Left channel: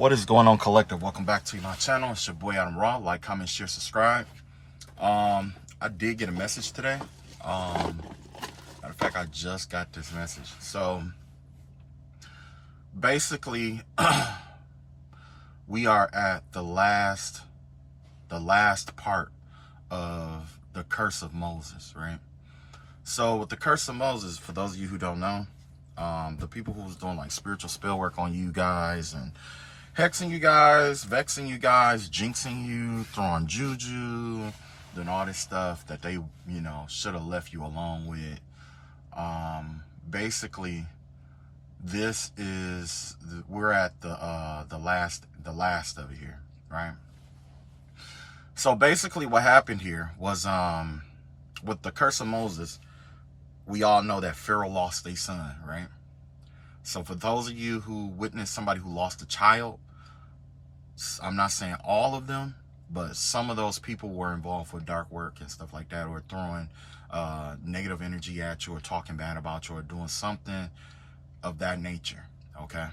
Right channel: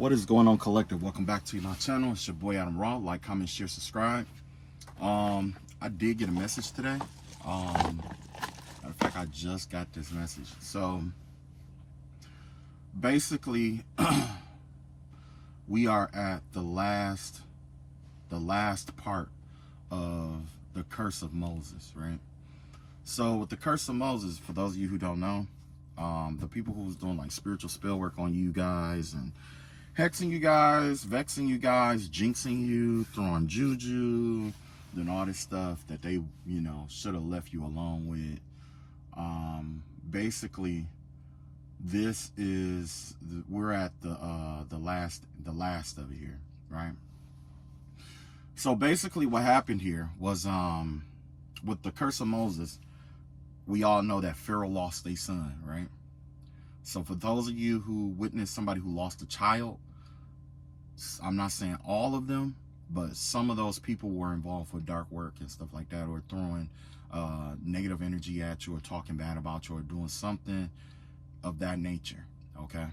What is going on, collective? Welcome back to my channel. It's your boy Adam Raw. Like, comment, share, subscribe. I did get a message today. Matter of fact, I just got this message. So basically we are at the last part of the curse of Moses, right? So with the curse of Moses, for those of you who don't know, the people who was doing like spiritual spell work on you guys and hexing you guys, vexing you guys, jinxing you, throwing juju, doing all this stuff that they, should have left you alone with. Basically, this is we're at the last of it here, right? So basically, what happened here was with the curse of Moses, we all know that Pharaoh lost a son, right? So for those of you who witnessed somebody who lost a child, I'm not saying all of them, but some of those people were involved with dark work and stuff like that, or throwing negative energy at you, or talking bad about you, or doing something of that nature, okay?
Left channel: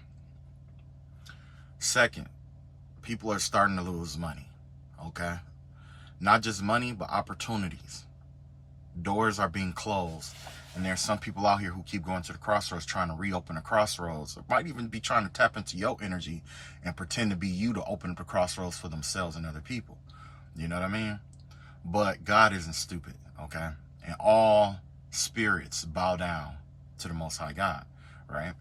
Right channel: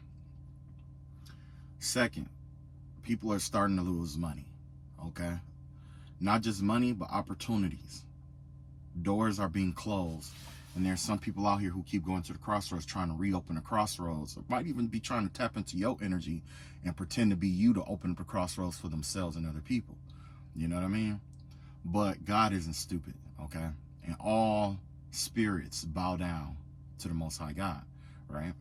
Second, people are starting to lose money, okay? Not just money, but opportunities. Doors are being closed. And there's some people out here who keep going to the crossroads trying to reopen the crossroads, or might even be trying to tap into your energy and pretend to be you to open up the crossroads for themselves and other people. You know what I mean? But God isn't stupid, okay? And all spirits bow down to the Most High God, right?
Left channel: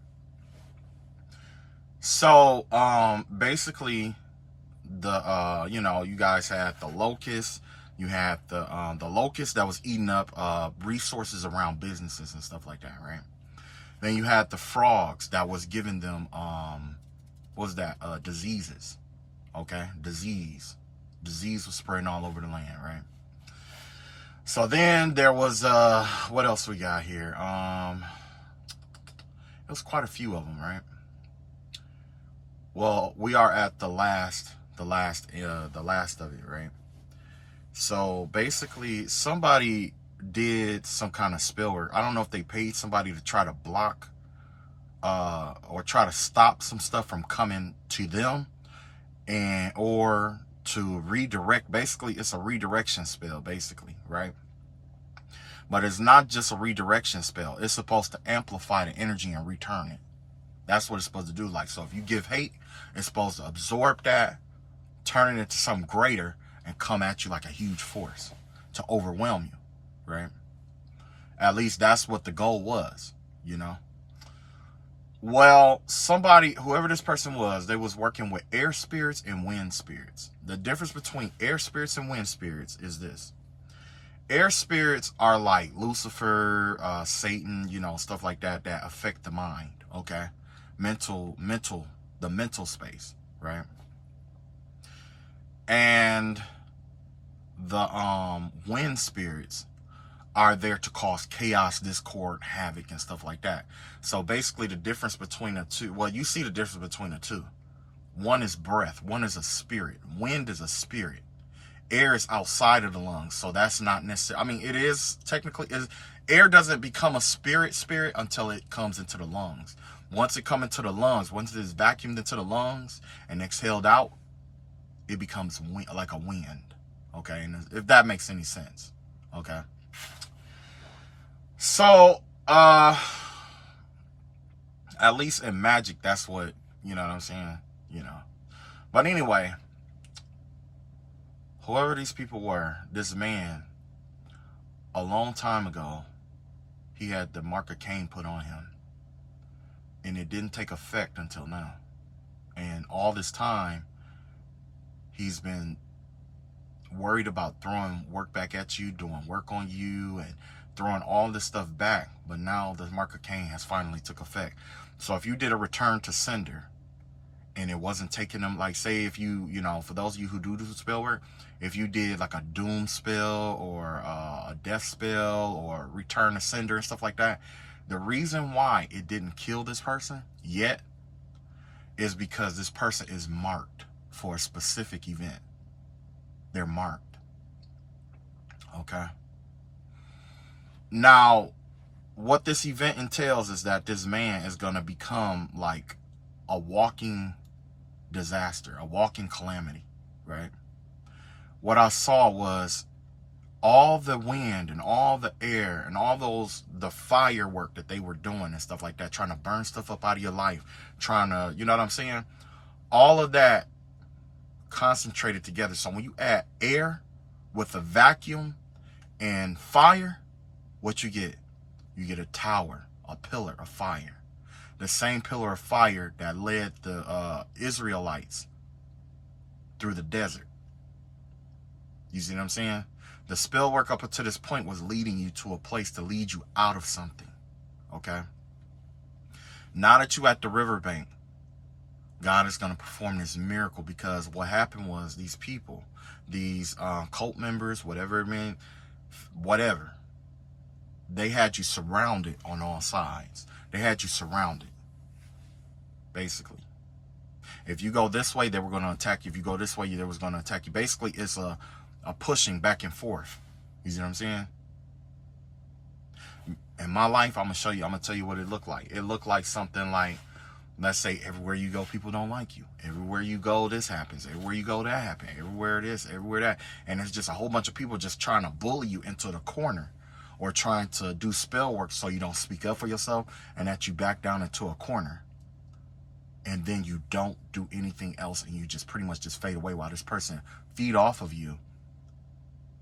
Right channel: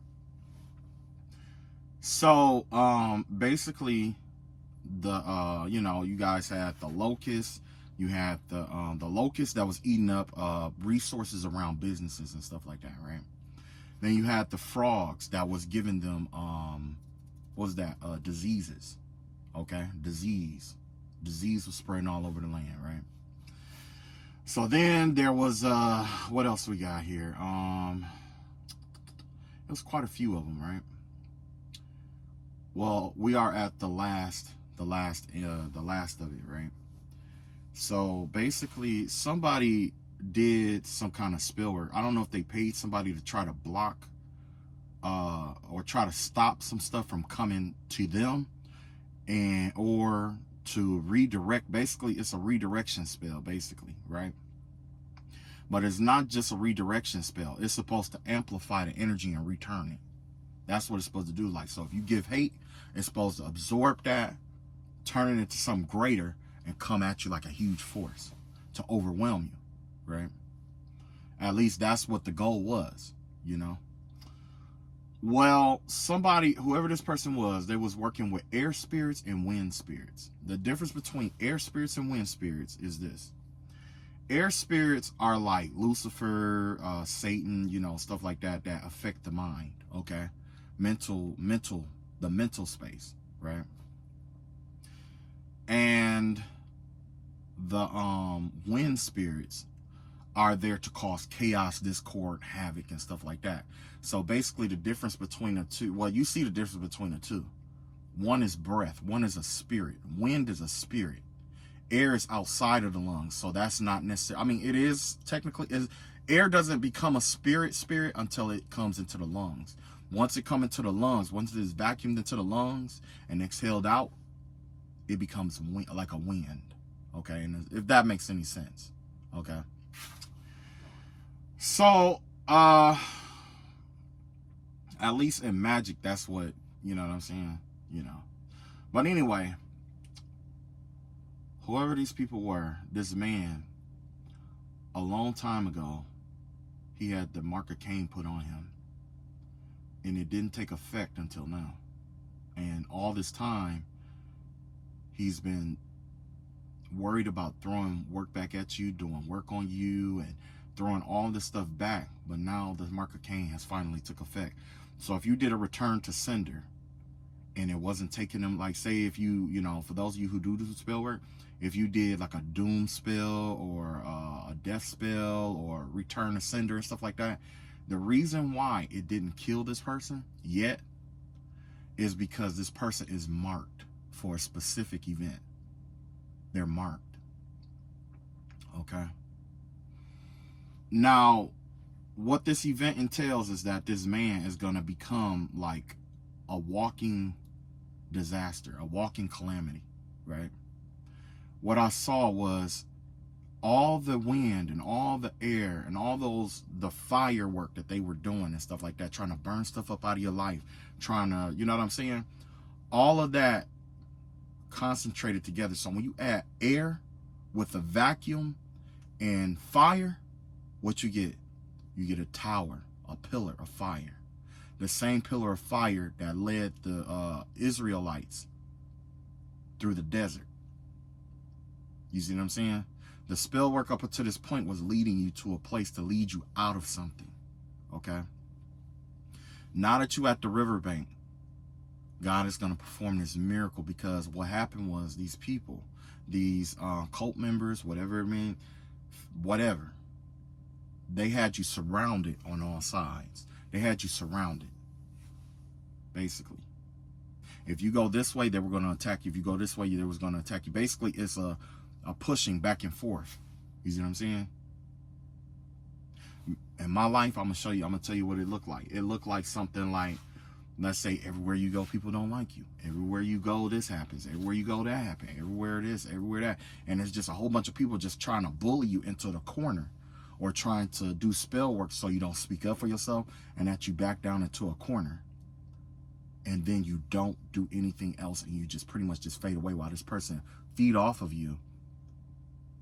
So basically, you guys had the locusts. You had the locust that was eating up resources around businesses and stuff like that, right? Then you had the frogs that was giving them diseases, okay? Disease was spreading all over the land, right? So then there was what else we got here? There was quite a few of them, right? Well, we are at the last of it, right? So basically, somebody did some kind of spell work. I don't know if they paid somebody to try to block or try to stop some stuff from coming to them, or to redirect. Basically, it's a redirection spell, basically, right? But it's not just a redirection spell. It's supposed to amplify the energy and return it. That's what it's supposed to do. Like, so if you give hate, it's supposed to absorb that, turn it into something greater, and come at you like a huge force to overwhelm you, right? At least that's what the goal was, Well, whoever this person was, they was working with air spirits and wind spirits. The difference between air spirits and wind spirits is this. Air spirits are like Lucifer, Satan, stuff like that affect the mind, okay? The mental space, right? And the wind spirits are there to cause chaos, discord, havoc, and stuff like that. So basically, the difference between the two, well, you see the difference between the two. One is breath, one is a spirit. Wind is a spirit. Air is outside of the lungs, so that's not necessary. I mean, it is technically, air doesn't become a spirit until it comes into the lungs. Once it comes into the lungs, once it is vacuumed into the lungs and exhaled out, it becomes like a wind, okay? And if that makes any sense, okay? So, at least in magic, that's what, you know what I'm saying? But anyway, whoever these people were, this man, a long time ago, he had the mark of Cain put on him. And it didn't take effect until now. And all this time, he's been worried about throwing work back at you, doing work on you, and throwing all this stuff back. But now the mark of Cain has finally took effect. So if you did a return to sender and it wasn't taking them, like say if you, for those of you who do spell work, if you did like a doom spell or a death spell or return to sender and stuff like that, the reason why it didn't kill this person yet is because this person is marked for a specific event. They're marked, okay? Now, what this event entails is that this man is going to become like a walking disaster, a walking calamity, right? What I saw was all the wind and all the air and all the firework that they were doing and stuff like that, trying to burn stuff up out of your life, trying to, you know what I'm saying? All of that concentrated together. So when you add air with a vacuum and fire, what you get? You get a tower, a pillar of fire. The same pillar of fire that led the Israelites through the desert. You see what I'm saying? The spell work up until this point was leading you to a place to lead you out of something. Okay? Now that you're at the riverbank, God is going to perform this miracle, because what happened was these people, these cult members, whatever it meant, whatever, they had you surrounded on all sides. They had you surrounded, basically. If you go this way, they were going to attack you. If you go this way, they was going to attack you. Basically, it's a pushing back and forth. You see what I'm saying? In my life, I'm going to tell you what it looked like. It looked like something like, let's say, everywhere you go, people don't like you. Everywhere you go, this happens. Everywhere you go, that happens. Everywhere this, everywhere that. And it's just a whole bunch of people just trying to bully you into the corner, or trying to do spell work so you don't speak up for yourself, and that you back down into a corner. And then you don't do anything else, and you just pretty much just fade away while this person feed off of you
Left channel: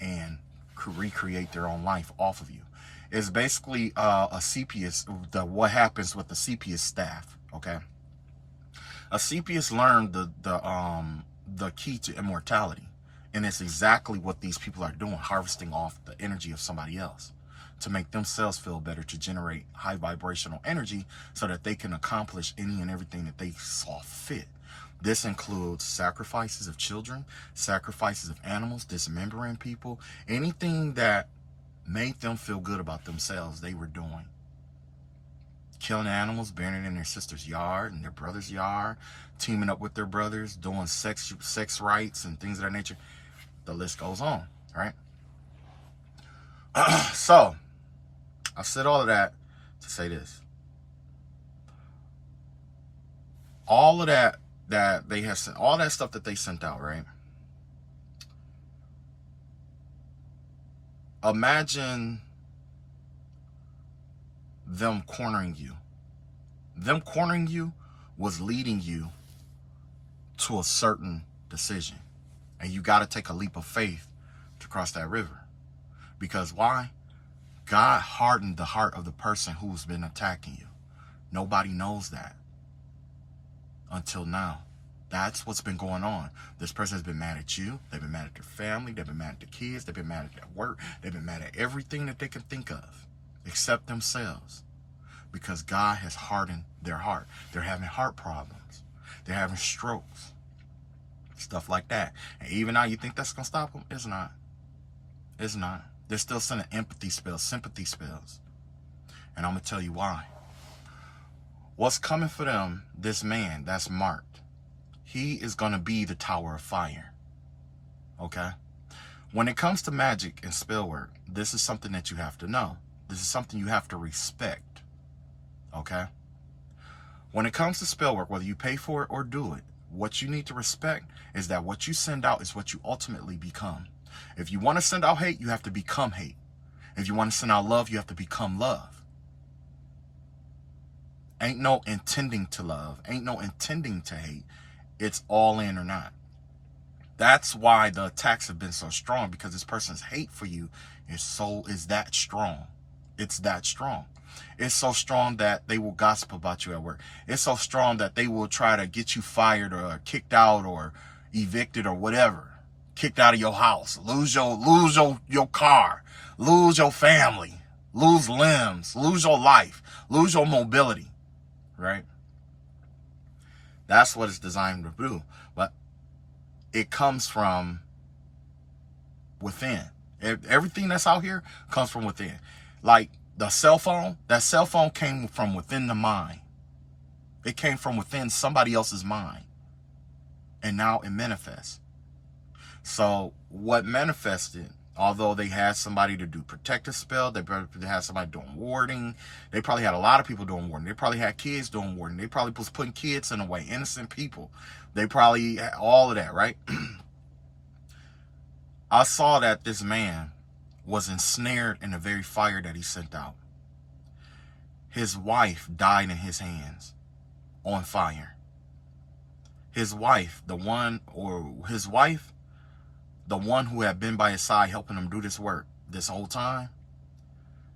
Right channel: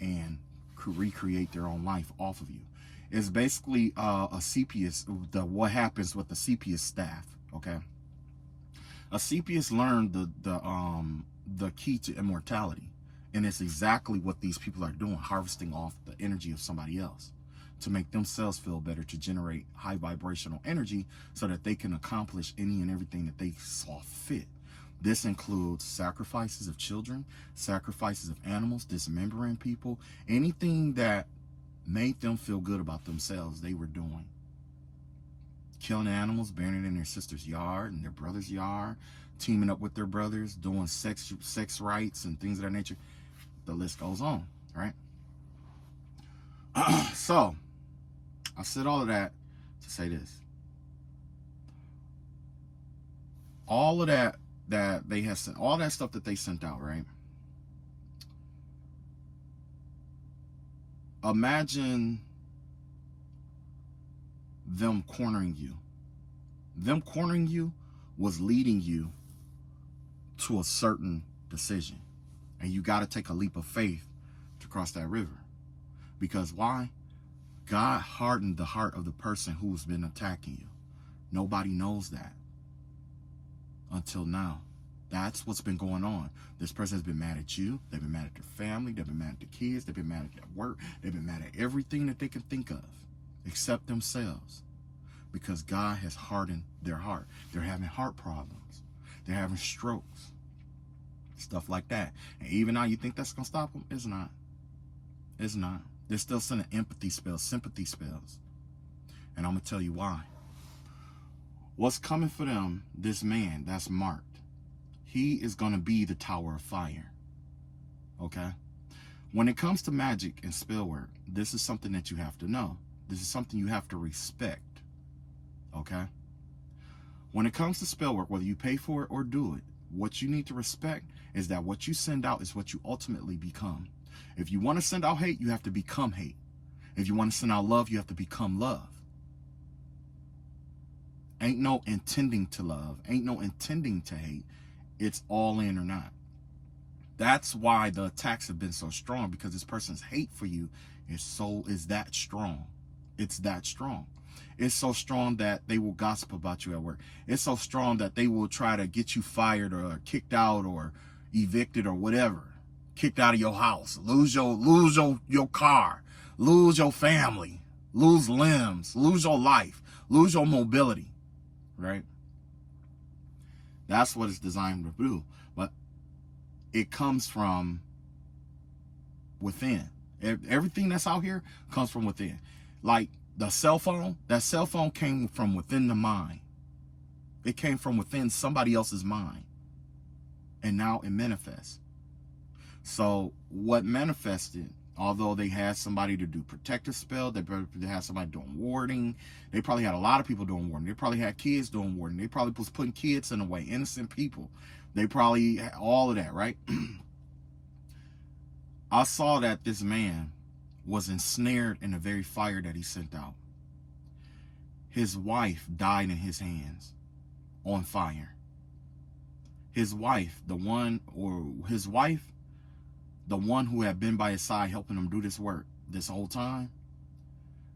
and recreate their own life off of you. It's basically a CPS, what happens with the CPS staff, okay? A CPS learned the key to immortality, and it's exactly what these people are doing, harvesting off the energy of somebody else to make themselves feel better, to generate high vibrational energy so that they can accomplish any and everything that they saw fit. This includes sacrifices of children, sacrifices of animals, dismembering people, anything that made them feel good about themselves, they were doing. Killing animals, burying it in their sister's yard and their brother's yard, teaming up with their brothers, doing sex rights and things of that nature. The list goes on, right? So, I've said all of that to say this. All of that they have sent, all that stuff that they sent out, right? Imagine them cornering you. Them cornering you was leading you to a certain decision. And you got to take a leap of faith to cross that river. Because why? God hardened the heart of the person who's been attacking you. Nobody knows that until now. That's what's been going on. This person has been mad at you. They've been mad at their family. They've been mad at their kids. They've been mad at their work. They've been mad at everything that they can think of except themselves, because God has hardened their heart. They're having heart problems. They're having strokes, stuff like that. And even now you think that's going to stop them? It's not. It's not. They're still sending empathy spells, sympathy spells. And I'm going to tell you why. What's coming for them, this man that's marked, he is going to be the tower of fire. Okay? When it comes to magic and spell work, this is something that you have to know. This is something you have to respect. Okay? When it comes to spell work, whether you pay for it or do it, what you need to respect is that what you send out is what you ultimately become. If you want to send out hate, you have to become hate. If you want to send out love, you have to become love. Ain't no intending to love. Ain't no intending to hate. It's all in or not. That's why the attacks have been so strong, because this person's hate for you is that strong. It's that strong. It's so strong that they will gossip about you at work. It's so strong that they will try to get you fired or kicked out or evicted or whatever. Kicked out of your house, lose your car, lose your family, lose limbs, lose your life, lose your mobility, right? That's what it's designed to do. But it comes from within. Everything that's out here comes from within. Like the cell phone, that cell phone came from within the mind. It came from within somebody else's mind. And now it manifests. So what manifested Although they had somebody to do protective spell, they had somebody doing warding. They probably had a lot of people doing warding. They probably had kids doing warding. They probably was putting kids in the way, innocent people. They probably had all of that, right? I saw that this man was ensnared in the very fire that he sent out. His wife died in his hands on fire. His wife, the one who had been by his side helping him do this work this whole time,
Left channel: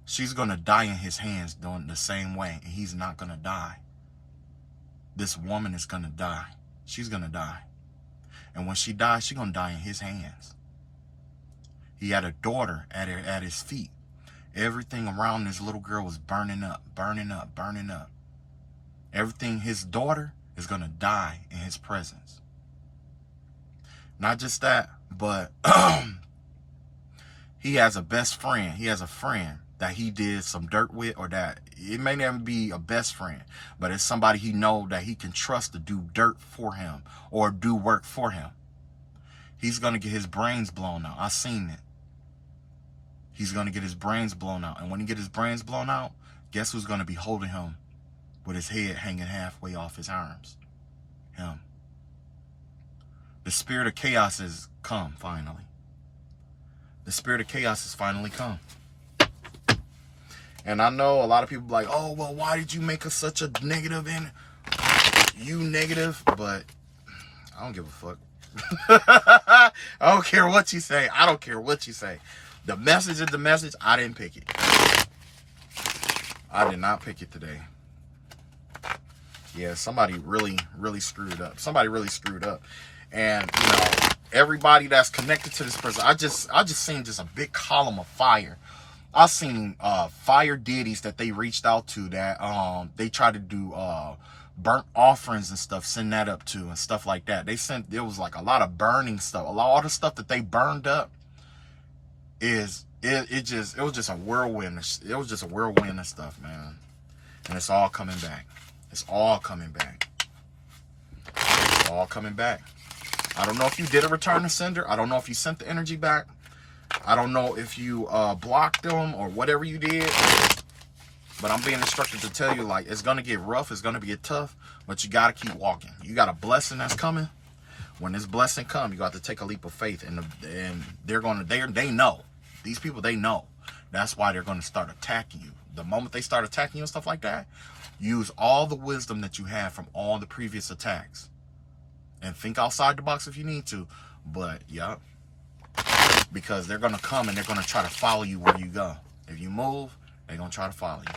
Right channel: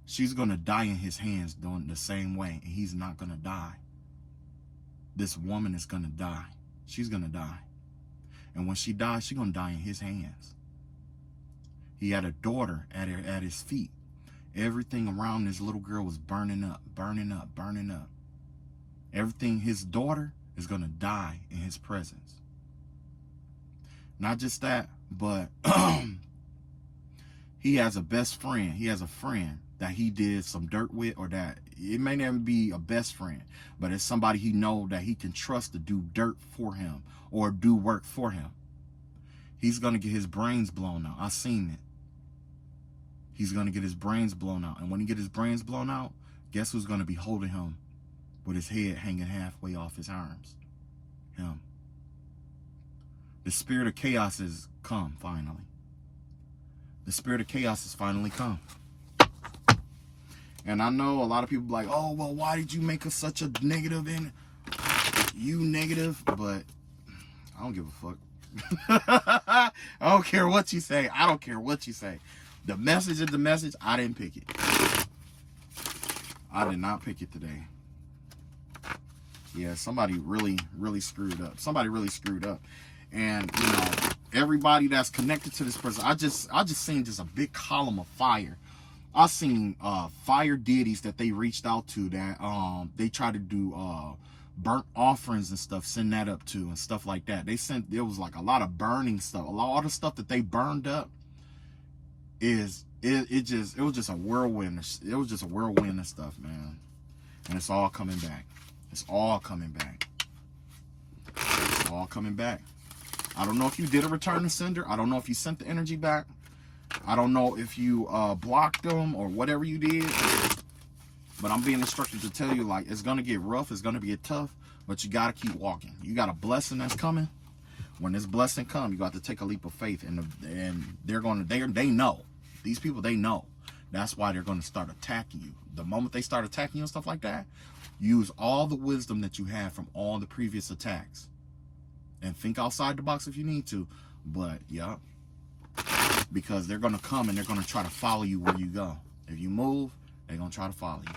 she's going to die in his hands doing the same way, and he's not going to die. This woman is going to die. She's going to die. And when she dies, she's going to die in his hands. He had a daughter at his feet. Everything around this little girl was burning up, burning up, burning up. Everything, his daughter is going to die in his presence. Not just that, but he has a best friend. He has a friend that he did some dirt with, or that it may never be a best friend, but it's somebody he know that he can trust to do dirt for him or do work for him. He's going to get his brains blown out. I seen it. He's going to get his brains blown out. And when he get his brains blown out, guess who's going to be holding him with his head hanging halfway off his arms? Him. The spirit of chaos has come, finally. The spirit of chaos has finally come. And I know a lot of people be like, oh, well, why did you make us such a negative and you negative? But I don't give a fuck. I don't care what you say. I don't care what you say. The message is the message. I didn't pick it. I did not pick it today. Yeah, somebody really, really screwed up. Somebody really screwed up. And, you know, everybody that's connected to this person, I just seen just a big column of fire. I seen fire deities that they reached out to, that they tried to do burnt offerings and stuff, send that up to and stuff like that. They sent, it was like a lot of burning stuff. All the stuff that they burned up it was just a whirlwind. It was just a whirlwind of stuff, man. And it's all coming back. It's all coming back. It's all coming back. I don't know if you did a return to sender. I don't know if you sent the energy back. I don't know if you blocked them or whatever you did. But I'm being instructed to tell you, like, it's going to get rough. It's going to get tough. But you got to keep walking. You got a blessing that's coming. When this blessing comes, you got to take a leap of faith. And they know. These people, they know. That's why they're going to start attacking you. The moment they start attacking you and stuff like that, use all the wisdom that you have from all the previous attacks. And think outside the box if you need to. But, yeah. Because they're going to come and they're going to try to follow you where you go. If you move, they're going to try to follow you.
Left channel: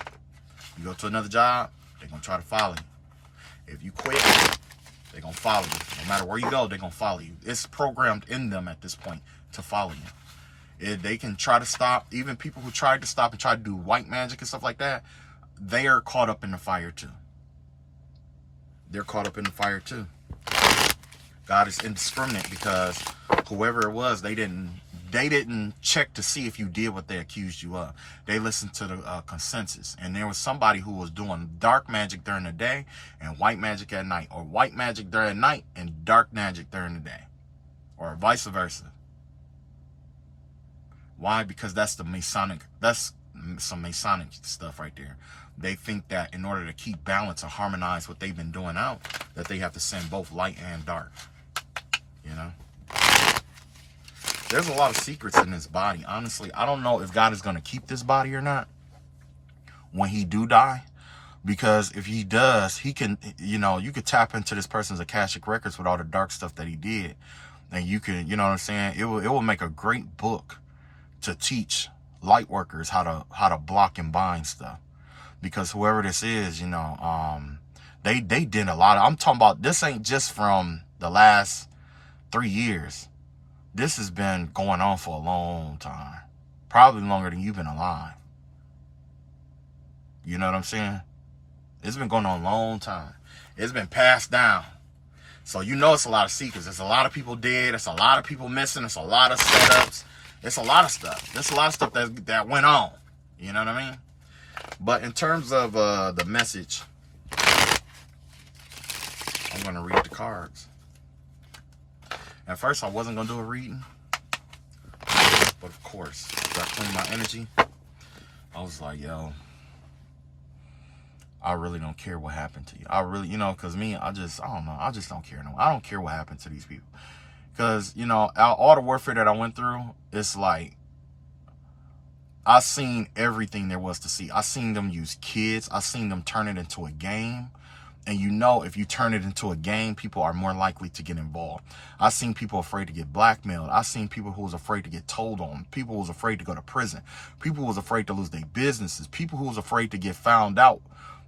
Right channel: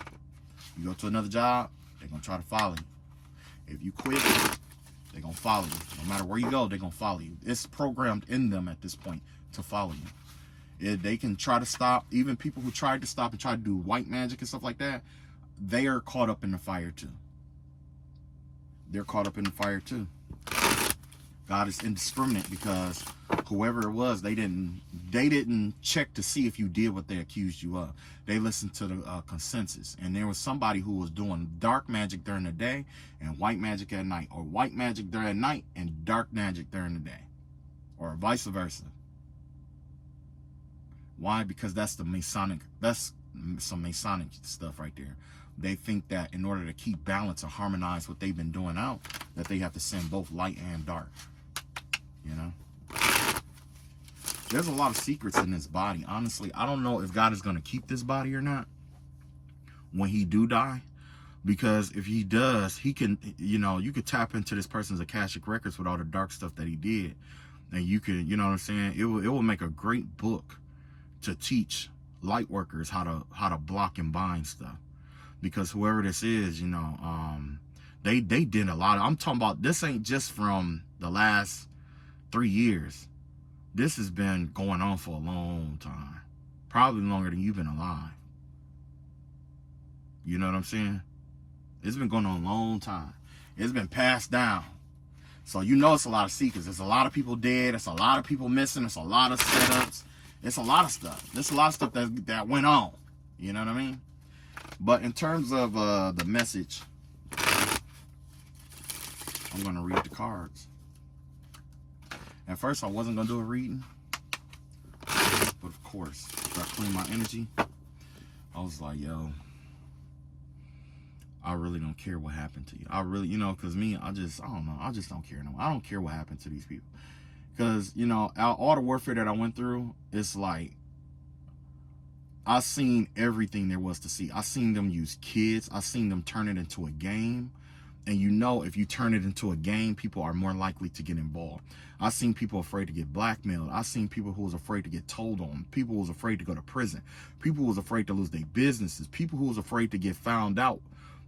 You go to another job, they're going to try to follow you. If you quit, they're going to follow you. No matter where you go, they're going to follow you. It's programmed in them at this point to follow you. They can try to stop. Even people who tried to stop and try to do white magic and stuff like that, they are caught up in the fire too. They're caught up in the fire too. God is indiscriminate, because whoever it was, they didn't check to see if you did what they accused you of. They listened to the consensus, and there was somebody who was doing dark magic during the day and white magic at night, or white magic during the night and dark magic during the day, or vice versa. Why? Because that's the Masonic, that's some Masonic stuff right there. They think that in order to keep balance or harmonize what they've been doing out, that they have to send both light and dark. You know? There's a lot of secrets in this body. Honestly, I don't know if God is going to keep this body or not when he do die. Because if he does, he can, you know, you could tap into this person's Akashic records with all the dark stuff that he did. And you could, you know what I'm saying? It will make a great book to teach light workers how to block and bind stuff. Because whoever this is, you know, they did a lot of, I'm talking about, this ain't just from the last 3 years. This has been going on for a long time. Probably longer than you've been alive. You know what I'm saying? It's been going on a long time. It's been passed down. So you know it's a lot of secrets. There's a lot of people dead. There's a lot of people missing. There's a lot of setups. It's a lot of stuff. There's a lot of stuff that went on. You know what I mean? But in terms of the message, I'm going to read the cards. At first, I wasn't going to do a reading. But of course, after I cleaned my energy, I was like, yo, I really don't care what happened to you. I really, because me, I don't know. I just don't care. No, I don't care what happened to these people. Because, all the warfare that I went through, it's like, I seen everything there was to see. I seen them use kids. I seen them turn it into a game. And if you turn it into a game, people are more likely to get involved. I seen people afraid to get blackmailed. I seen people who was afraid to get told on. People who was afraid to go to prison. People who was afraid to lose their businesses. People who was afraid to get found out.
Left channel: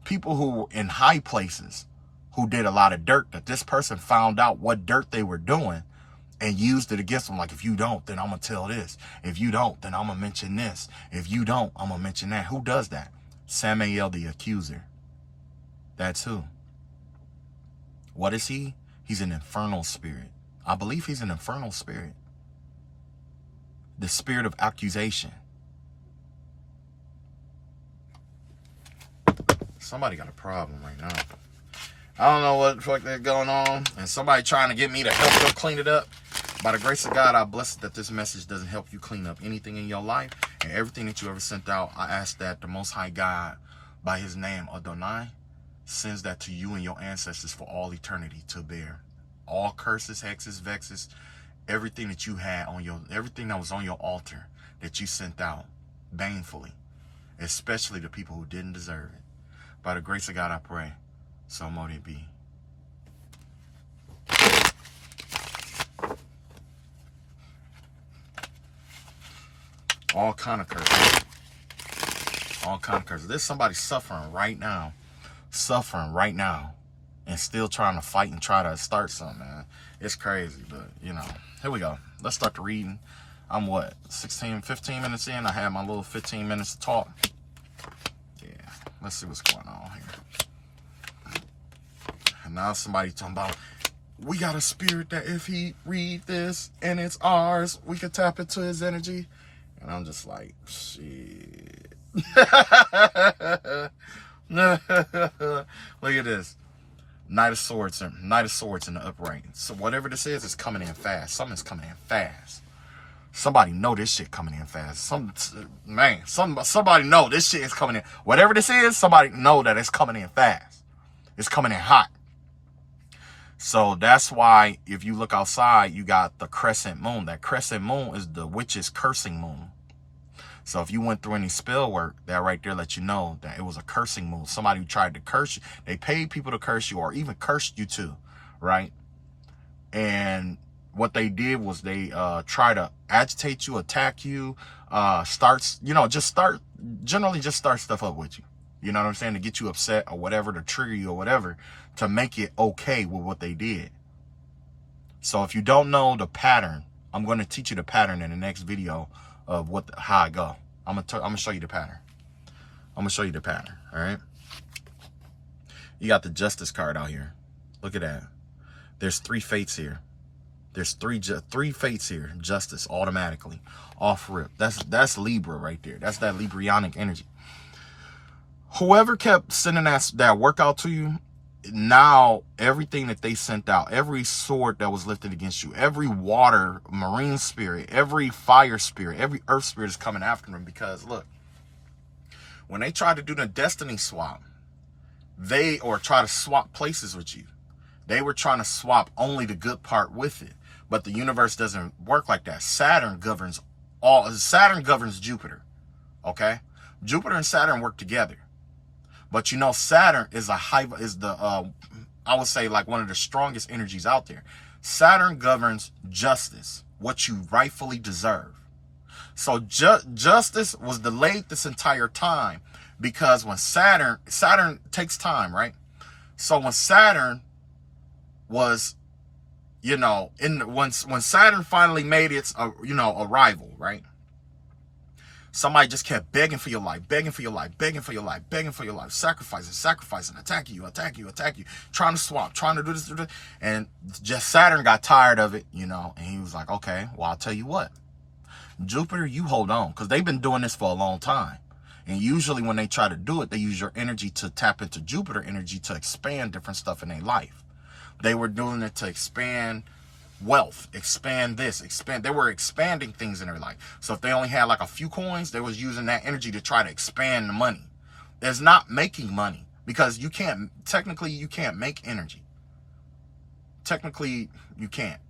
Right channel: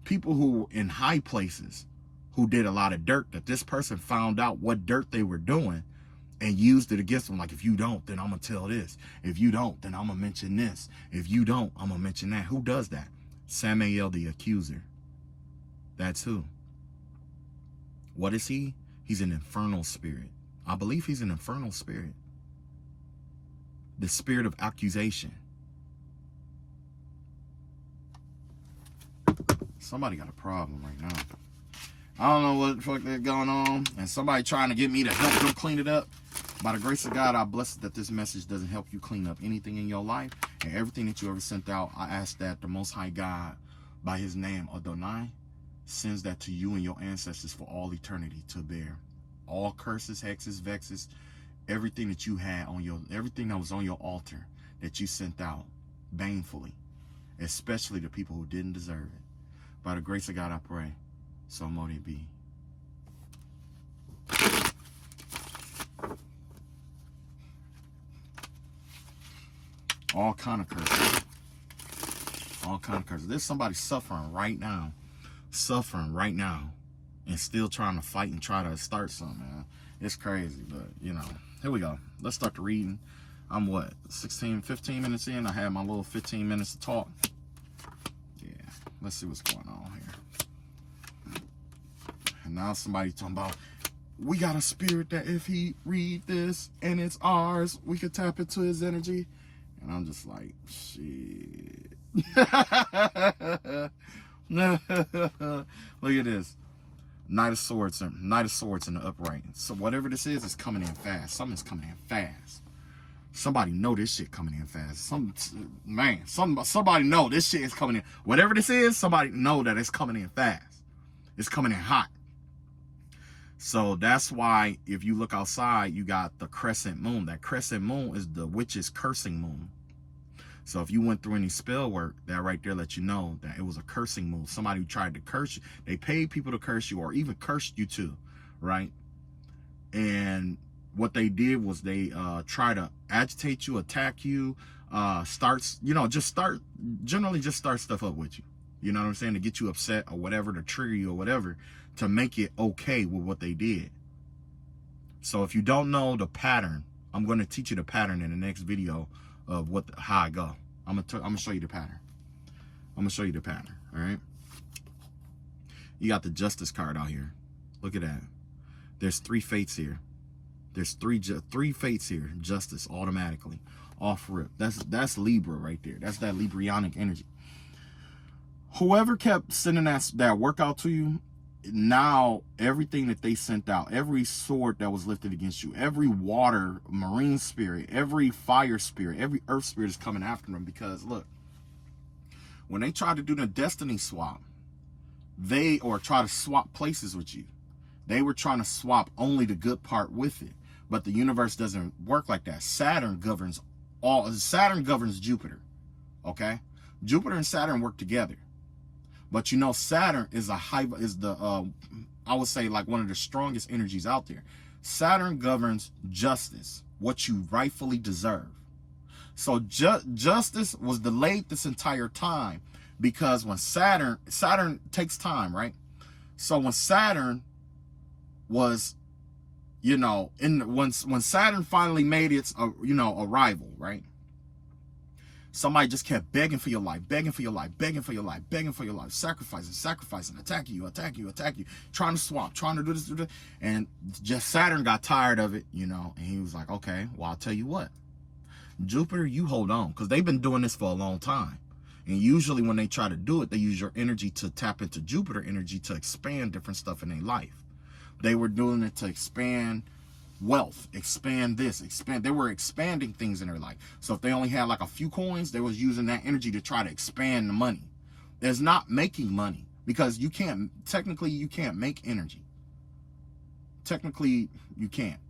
People who were in high places who did a lot of dirt, that this person found out what dirt they were doing and used it against them. Like, if you don't, then I'm going to tell this. If you don't, then I'm going to mention this. If you don't, I'm going to mention that. Who does that? Samael the accuser. That's who. What is he? He's an infernal spirit. I believe he's an infernal spirit. The spirit of accusation. Somebody got a problem right now. I don't know what the fuck they're going on. And somebody trying to get me to help them clean it up. By the grace of God, I bless that this message doesn't help you clean up anything in your life. And everything that you ever sent out, I ask that the Most High God, by his name, Adonai, sends that to you and your ancestors for all eternity to bear. All curses, hexes, vexes, everything that you had everything that was on your altar that you sent out banefully, especially the people who didn't deserve it. By the grace of God, I pray. So mote it be. All kind of curses. All kind of curses. There's somebody suffering right now, and still trying to fight and try to start something, man. It's crazy, but, here we go. Let's start the reading. I'm, 15 minutes in? I had my little 15 minutes to talk. Yeah, let's see what's going on here. And now somebody talking about, we got a spirit that if he read this and it's ours, we could tap into his energy. And I'm just like, shit. Look at this. Knight of Swords in the upright. So whatever this is coming in fast. Something's coming in fast. Somebody know this shit coming in fast. Somebody know this shit is coming in. Whatever this is, somebody know that it's coming in fast. It's coming in hot. So that's why if you look outside, you got the crescent moon. That crescent moon is the witch's cursing moon. So if you went through any spell work, that right there let you know that it was a cursing moon. Somebody who tried to curse you. They paid people to curse you or even cursed you too, right? And what they did was they try to agitate you, attack you, generally just start stuff up with you. You know what I'm saying? To get you upset or whatever, to trigger you or whatever, to make it okay with what they did. So if you don't know the pattern, I'm going to teach you the pattern in the next video of how I go. I'm gonna show you the pattern. All right? You got the Justice card out here. Look at that. There's 3 fates here. There's three fates here. Justice automatically off rip. That's Libra right there. That's that Librianic energy. Whoever kept sending that workout to you, now everything that they sent out, every sword that was lifted against you, every water, marine spirit, every fire spirit, every earth spirit is coming after them. Because look, when they try to do the destiny swap, or try to swap places with you, they were trying to swap only the good part with it. But the universe doesn't work like that. Saturn governs Jupiter. Okay? Jupiter and Saturn work together. But Saturn is I would say like one of the strongest energies out there. Saturn governs justice, what you rightfully deserve. So justice was delayed this entire time because when Saturn takes time, right? So when Saturn was, when Saturn finally made its, arrival, right? Somebody just kept begging for your life, sacrificing, attacking you, trying to swap, trying to do this. And just Saturn got tired of it, and he was like, okay, well, I'll tell you what. Jupiter, you hold on, because they've been doing this for a long time. And usually when they try to do it, they use your energy to tap into Jupiter energy to expand different stuff in their life. They were doing it to expand wealth, expand this, expand. They were expanding things in their life. So if they only had like a few coins, they was using that energy to try to expand the money. There's not making money, because you can't, technically you can't make energy. Technically you can't.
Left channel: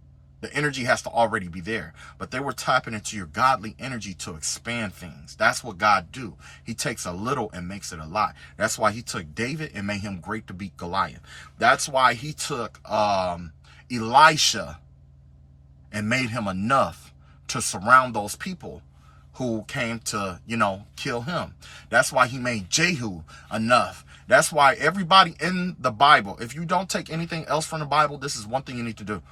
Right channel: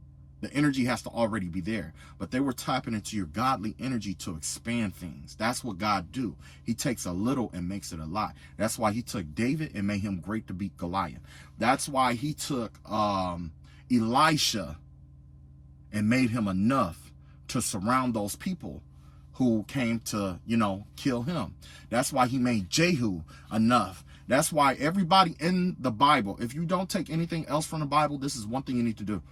The energy has to already be there. But they were tapping into your godly energy to expand things. That's what God do. He takes a little and makes it a lot. That's why he took David and made him great to beat Goliath. That's why he took Elisha and made him enough to surround those people who came to, you know, kill him. That's why he made Jehu enough. That's why everybody in the Bible, if you don't take anything else from the Bible, this is one thing you need to do.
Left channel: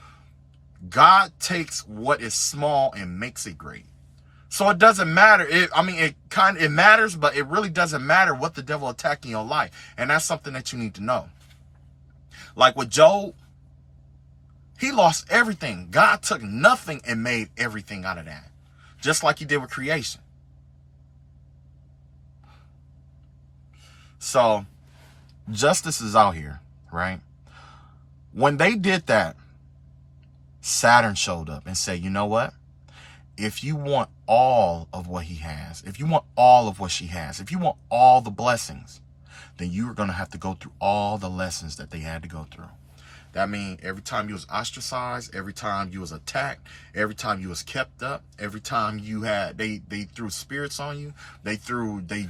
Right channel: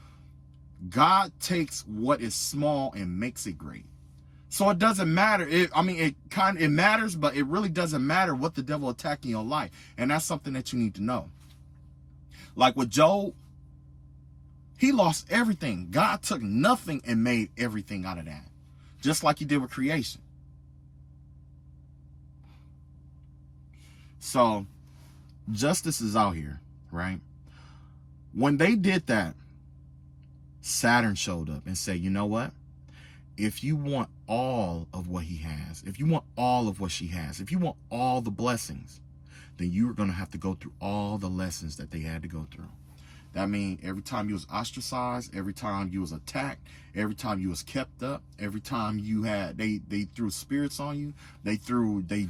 God takes what is small and makes it great. So it doesn't matter. It matters, but it really doesn't matter what the devil attacked in your life. And that's something that you need to know. Like with Job, he lost everything. God took nothing and made everything out of that. Just like he did with creation. So justice is out here, right? When they did that, Saturn showed up and said, you know what? If you want all of what he has, if you want all of what she has, if you want all the blessings, then you're going to have to go through all the lessons that they had to go through. That means every time you was ostracized, every time you was attacked, every time you was kept up, every time you had, they threw spirits on you, they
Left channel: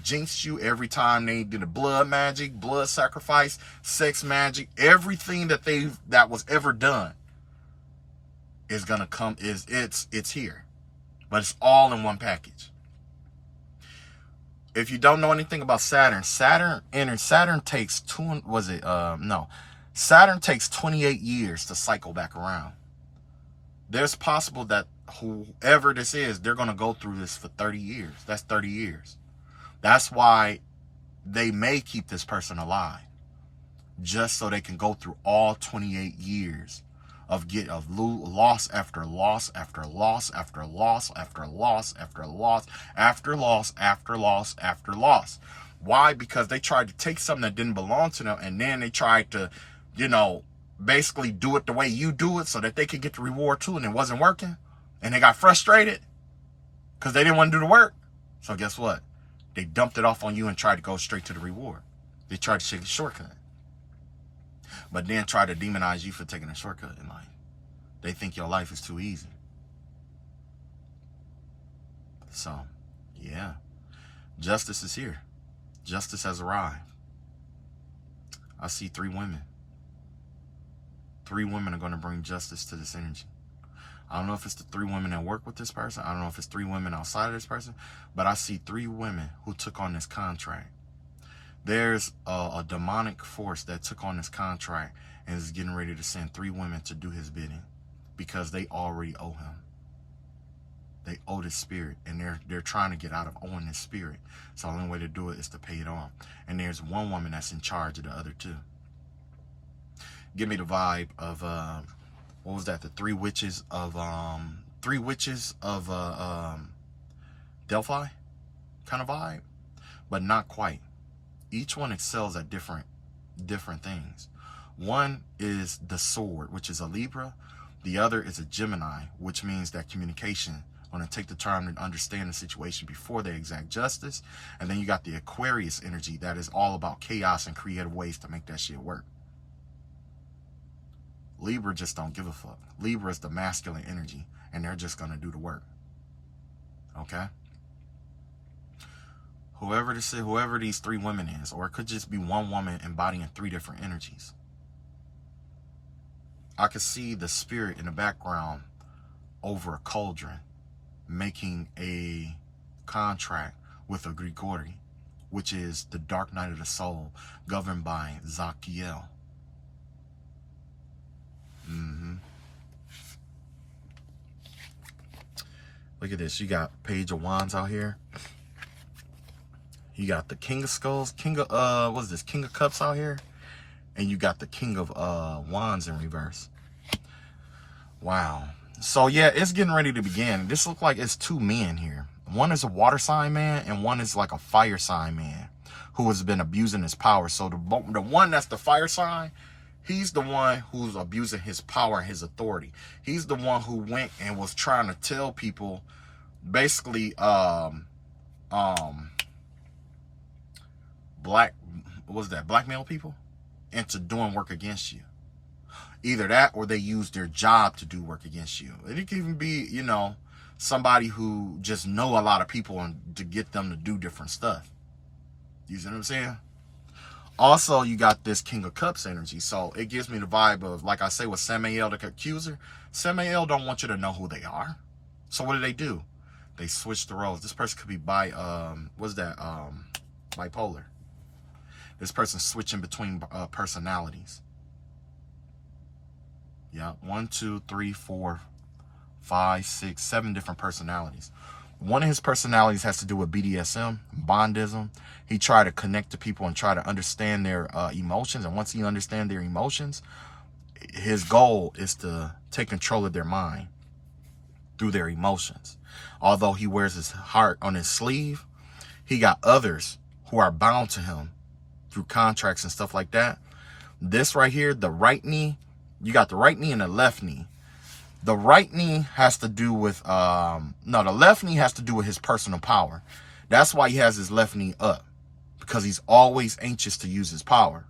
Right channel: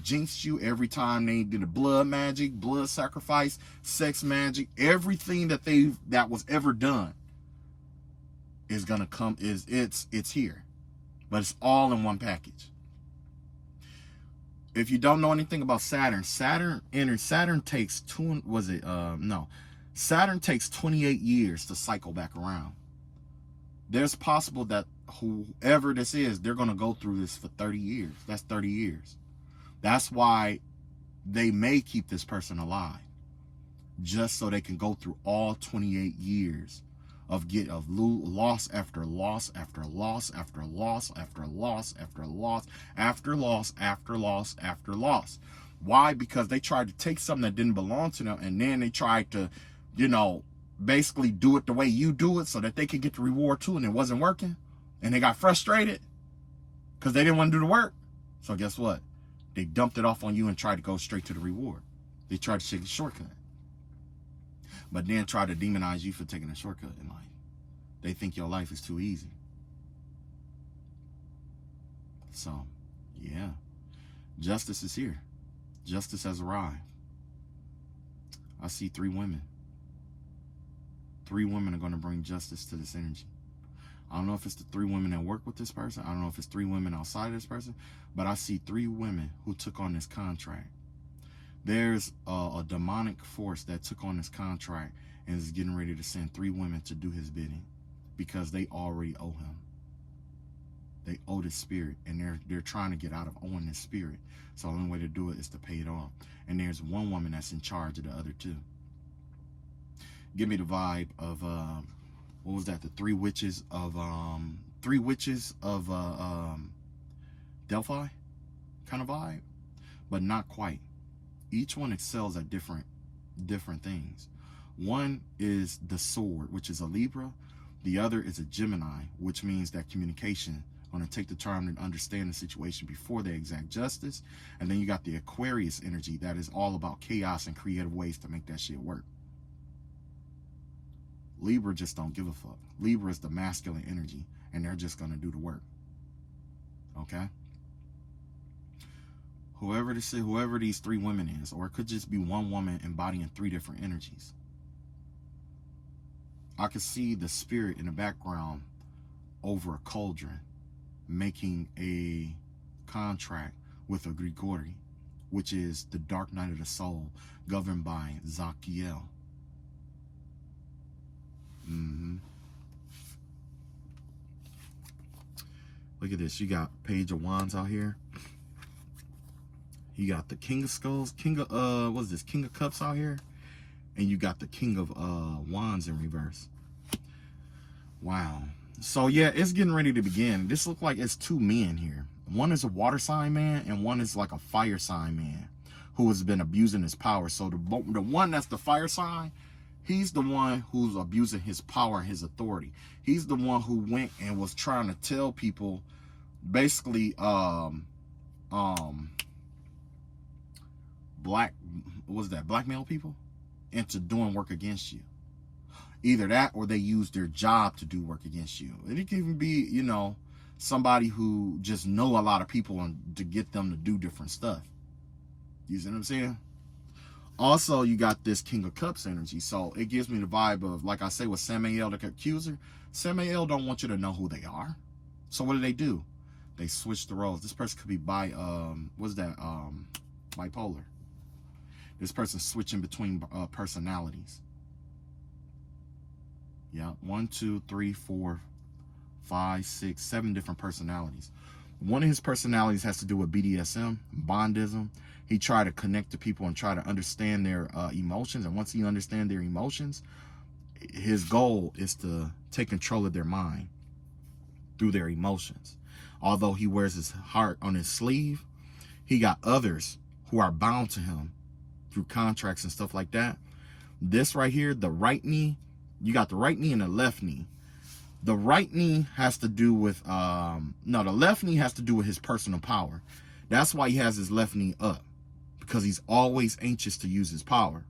jinxed you, every time they did a blood magic, blood sacrifice, sex magic, everything that was ever done is gonna come, it's here. But it's all in one package. If you don't know anything about Saturn takes Saturn takes 28 years to cycle back around. There's possible that whoever this is, they're going to go through this for 30 years. That's 30 years. That's why they may keep this person alive, just so they can go through all 28 years of loss after loss after loss after loss after loss after loss after loss after loss after loss. Why? Because they tried to take something that didn't belong to them, and then they tried to, you know, basically do it the way you do it so that they could get the reward too, and it wasn't working. And they got frustrated because they didn't want to do the work. So guess what? They dumped it off on you and tried to go straight to the reward. They tried to take a shortcut. But then try to demonize you for taking a shortcut in life. They think your life is too easy. So, yeah. Justice is here. Justice has arrived. I see 3 women. 3 women are going to bring justice to this energy. I don't know if it's the 3 women that work with this person. I don't know if it's 3 women outside of this person. But I see 3 women who took on this contract. There's a demonic force that took on this contract and is getting ready to send 3 women to do his bidding, because they already owe him. They owe this spirit, and they're trying to get out of owing this spirit. So the only way to do it is to pay it off. And there's 1 woman that's in charge of the other 2. Give me the vibe of what was that? The 3 witches of Delphi kind of vibe, but not quite. Each one excels at different things. One is the sword, which is a Libra. The other is a Gemini, which means that communication, going to take the time to understand the situation before they exact justice. And then you got the Aquarius energy that is all about chaos and creative ways to make that shit work. Libra just don't give a fuck. Libra is the masculine energy, and they're just going to do the work. Okay? Whoever this is, whoever these 3 women is, or it could just be 1 woman embodying 3 different energies. I could see the spirit in the background over a cauldron making a contract with a Grigori, which is the dark night of the soul, governed by Zachiel. Look at this. You got Page of Wands out here. You got the King of Skulls, King of what is this? King of Cups out here, and you got the King of Wands in reverse. Wow. So yeah, it's getting ready to begin. This looks like it's 2 men here. One is a water sign man, and one is like a fire sign man who has been abusing his power. So the one that's the fire sign, He's the one who's abusing his power and his authority. He's the one who went and was trying to tell people, basically, blackmail people into doing work against you. Either that, or they use their job to do work against you. It can even be, you know, somebody who just know a lot of people and to get them to do different stuff. You see what I'm saying? Also, you got this King of Cups energy. So it gives me the vibe of, like I say, with Samael, the accuser. Samael don't want you to know who they are. So what do? They switch the roles. This person could be bipolar. This person's switching between personalities. Yeah, 1, 2, 3, 4, 5, 6, 7 different personalities. One of his personalities has to do with BDSM, bondism. He tried to connect to people and try to understand their emotions. And once he understands their emotions, his goal is to take control of their mind through their emotions. Although he wears his heart on his sleeve, he got others who are bound to him through contracts and stuff like that. This right here, the right knee, you got the right knee and the left knee. The right knee has to do with, the left knee has to do with his personal power. That's why he has his left knee up, because he's always anxious to use his power.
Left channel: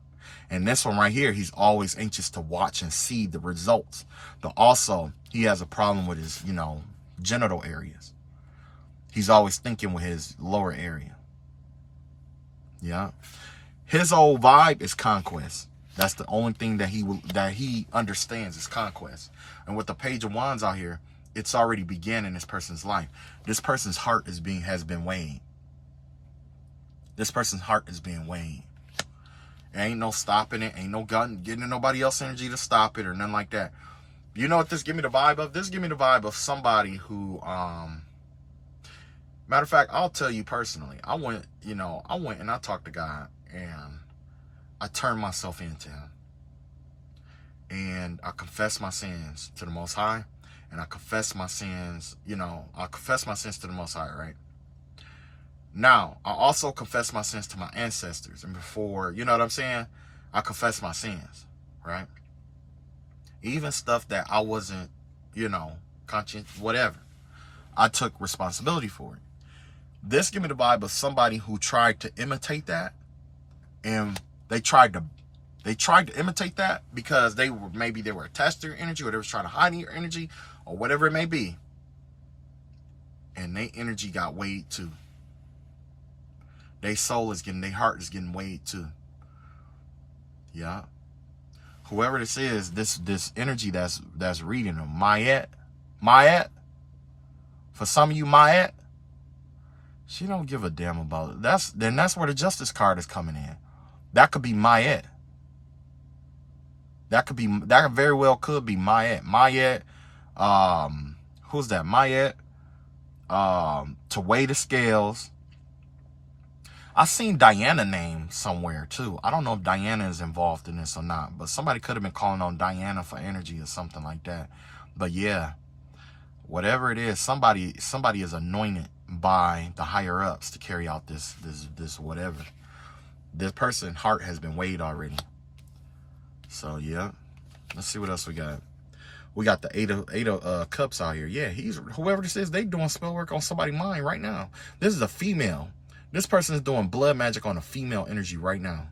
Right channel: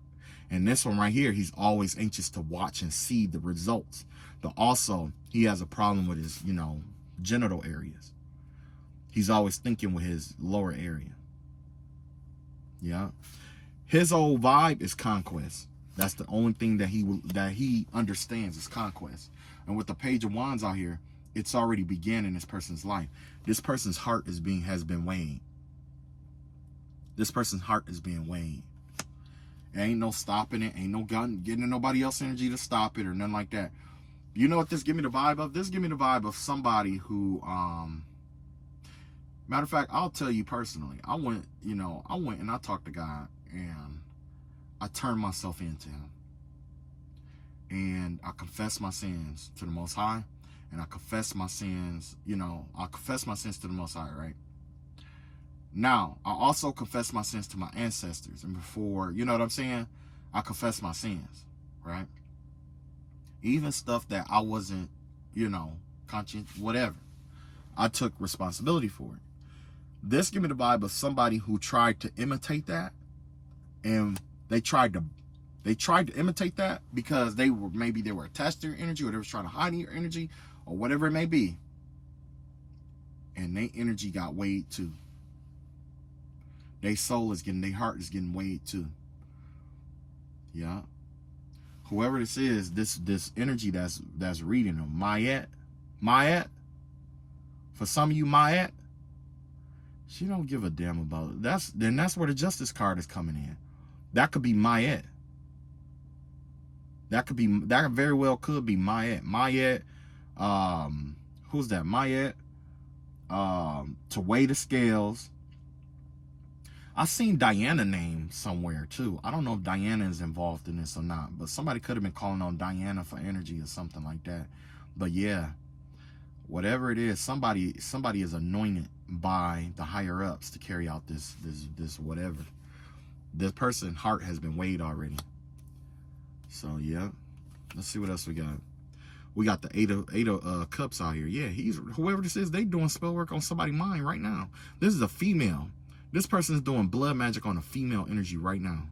And this one right here, he's always anxious to watch and see the results. But also, he has a problem with his, genital areas. He's always thinking with his lower area. Yeah. His old vibe is conquest. That's the only thing that he understands is conquest. And with the Page of Wands out here, it's already began in this person's life. This person's heart has been weighed. This person's heart is being weighed. There ain't no stopping it. Ain't no getting nobody else energy to stop it or nothing like that. You know what this give me the vibe of? This give me the vibe of somebody who, matter of fact, I'll tell you personally. I went and I talked to God, and I turned myself into him. And I confessed my sins to the Most High. And I confessed my sins, I confessed my sins to the Most High, right? Now, I also confess my sins to my ancestors. And before, you know what I'm saying? I confess my sins, right? Even stuff that I wasn't, conscious, whatever. I took responsibility for it. This give me the vibe of somebody who tried to imitate that. And they tried to imitate that because they were attached to your energy, or they was trying to hide your energy, or whatever it may be. And their energy got weighed too. Their heart is getting weighed too. Yeah. Whoever this is, this energy that's reading them, Mayat. For some of you, Mayat, she don't give a damn about it. That's where the Justice card is coming in. That could be Mayat. That very well could be Mayat. Mayat, who's that? Mayat, to weigh the scales. I seen Diana name somewhere too. I don't know if Diana is involved in this or not, but somebody could have been calling on Diana for energy or something like that. But yeah, whatever it is, somebody is anointed by the higher ups to carry out this whatever. This person's heart has been weighed already. So yeah, let's see what else we got. We got the eight of cups out here. Yeah, whoever this is, they doing spell work on somebody's mind right now. This is a female. This person is doing blood magic on a female energy right now.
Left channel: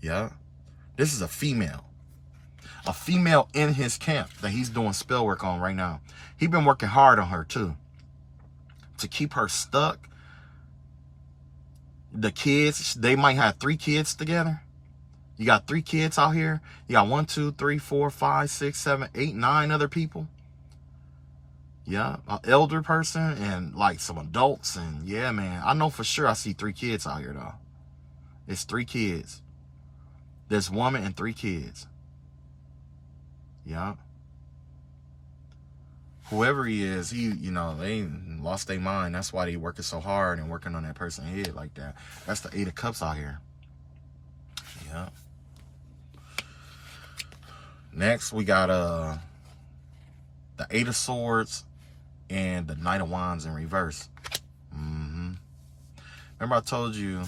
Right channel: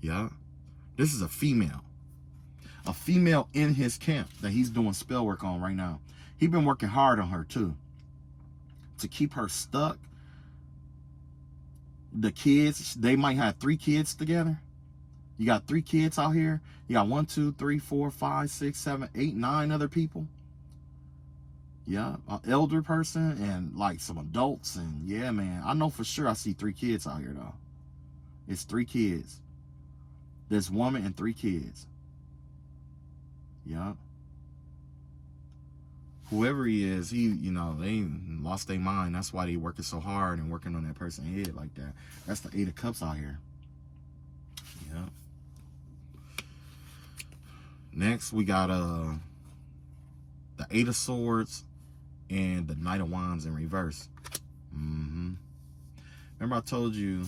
Yeah, this is a female in his camp that he's doing spell work on right now. He's been working hard on her too, to keep her stuck. The kids, they might have 3 kids together. You got 3 kids out here. You got 1, 2, 3, 4, 5, 6, 7, 8, 9 other people. Yeah, an elder person and like some adults. And yeah, man, I know for sure I see 3 kids out here though. It's 3 kids. There's woman and 3 kids. Yeah. Whoever he is, they lost their mind. That's why they working so hard and working on that person's head like that. That's the 8 of Cups out here. Yeah. Next, we got the 8 of Swords and the Knight of Wands in reverse. Remember I told you,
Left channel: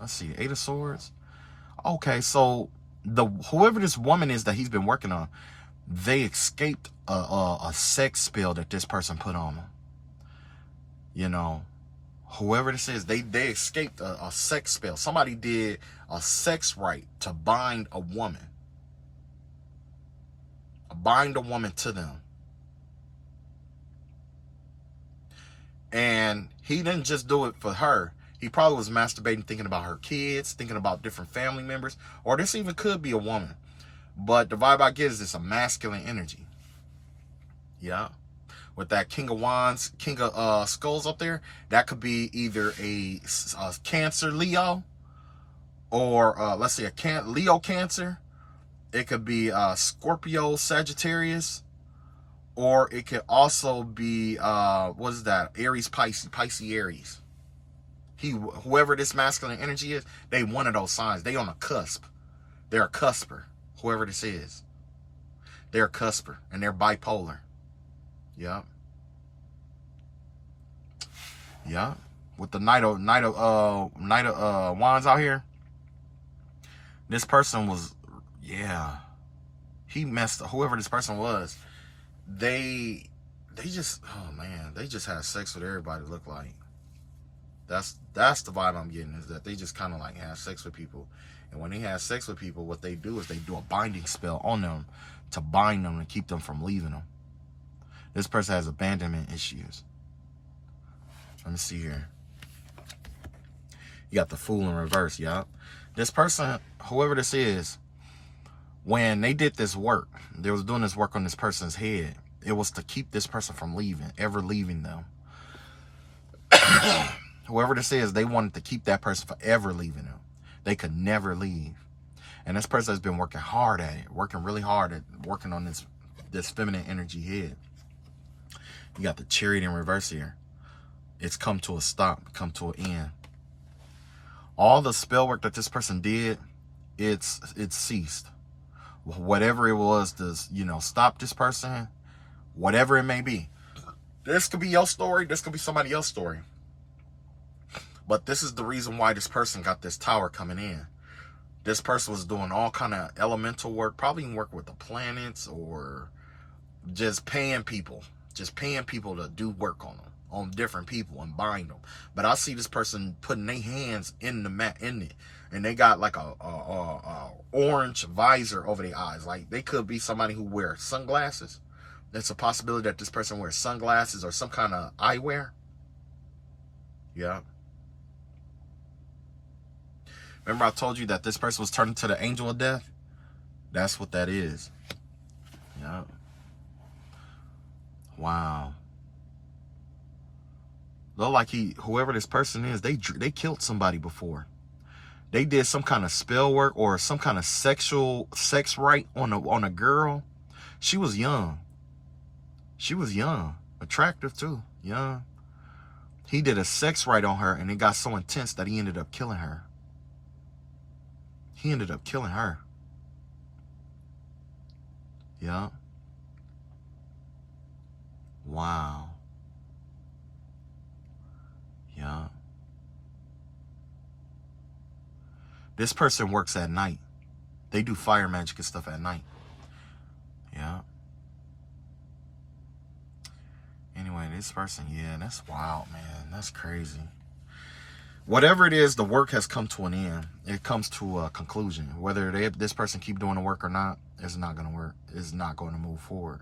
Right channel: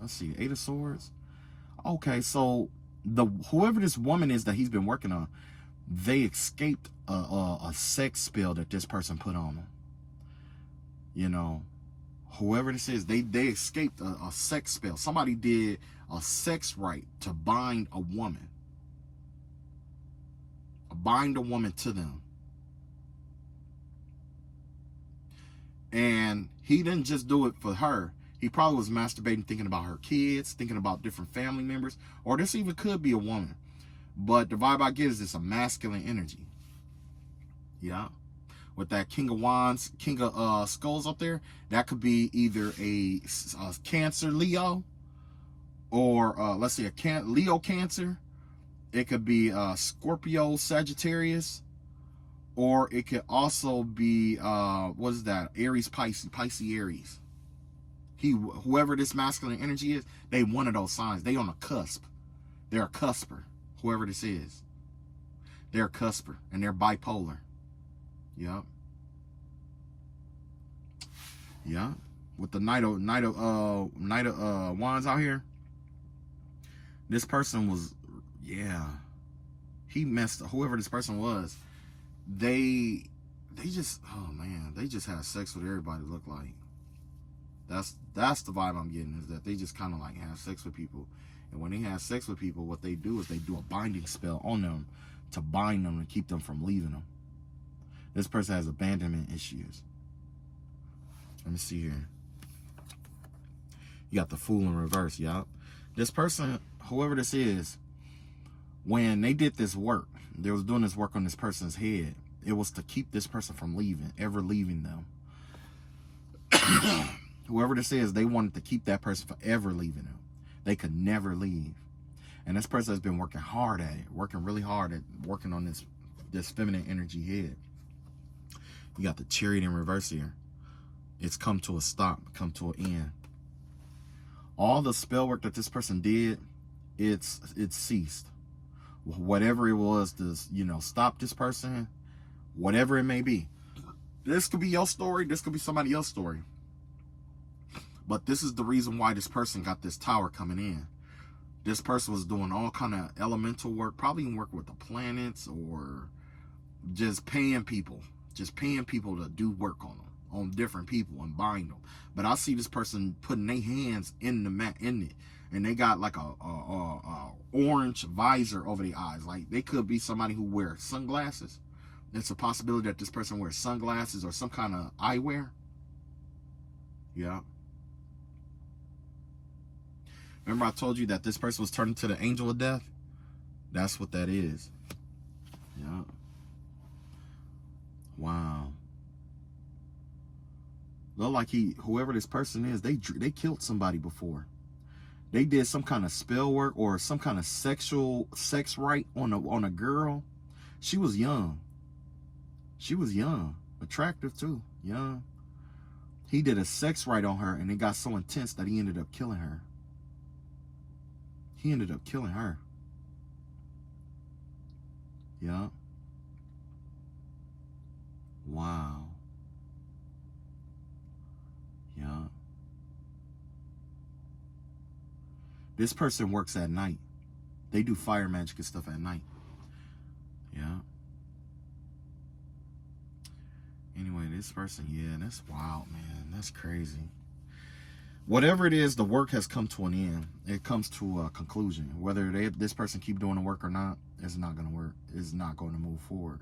let's see, 8 of Swords? Okay, so whoever this woman is that he's been working on, they escaped a sex spell that this person put on them. You know, whoever this is, they escaped a sex spell. Somebody did a sex rite to bind a woman. Bind a woman to them. And he didn't just do it for her. He probably was masturbating, thinking about her kids, thinking about different family members, or this even could be a woman. But the vibe I get is it's a masculine energy. Yeah. With that King of Wands, King of Skulls up there, that could be either a Cancer Leo, or let's say a Leo Cancer. It could be Scorpio Sagittarius, or it could also be what is that? Aries Pisces Aries. Whoever this masculine energy is, they one of those signs. They on a cusp. They're a cusper. Whoever this is, they're a cusper, and they're bipolar. Yeah. Yeah. With the Knight of Wands out here, this person was, yeah, he messed up. Whoever this person was, they just, oh man, they just had sex with everybody. Look like that's the vibe I'm getting, is that they just kind of like have sex with people. And when they have sex with people, what they do is they do a binding spell on them to bind them and keep them from leaving them. This person has abandonment issues. Let me see here. You got the Fool in reverse, y'all. This person, whoever this is, when they did this work, they was doing this work on this person's head. It was to keep this person from ever leaving them. Whoever this is, they wanted to keep that person forever leaving them. They could never leave. And this person has been working hard at it, working really hard at working on this feminine energy head. You got the Chariot in reverse here. It's come to a stop, come to an end. All the spell work that this person did, it's ceased. Whatever it was to, stop this person, whatever it may be. This could be your story, this could be somebody else's story. But this is the reason why this person got this tower coming in. This person was doing all kind of elemental work, probably even working with the planets, or just paying people to do work on them, on different people, and bind them. But I see this person putting their hands in the mat, in it, and they got like a orange visor over their eyes. Like they could be somebody who wears sunglasses. There's a possibility that this person wears sunglasses or some kind of eyewear. Yeah. Remember I told you that this person was turned into the angel of death? That's what that is. Yeah. Wow. Look like whoever this person is, they killed somebody before. They did some kind of spell work or some kind of sex rite on a girl. She was young. She was young, attractive too, young. He did a sex rite on her, and it got so intense that he ended up killing her. He ended up killing her. Yeah. Wow. Yeah. This person works at night. They do fire magic and stuff at night. Yeah. Anyway, this person, yeah, that's wild, man. That's crazy. Whatever it is, the work has come to an end. It comes to a conclusion. Whether this person keep doing the work or not, it's not going to work. It's not going to move forward.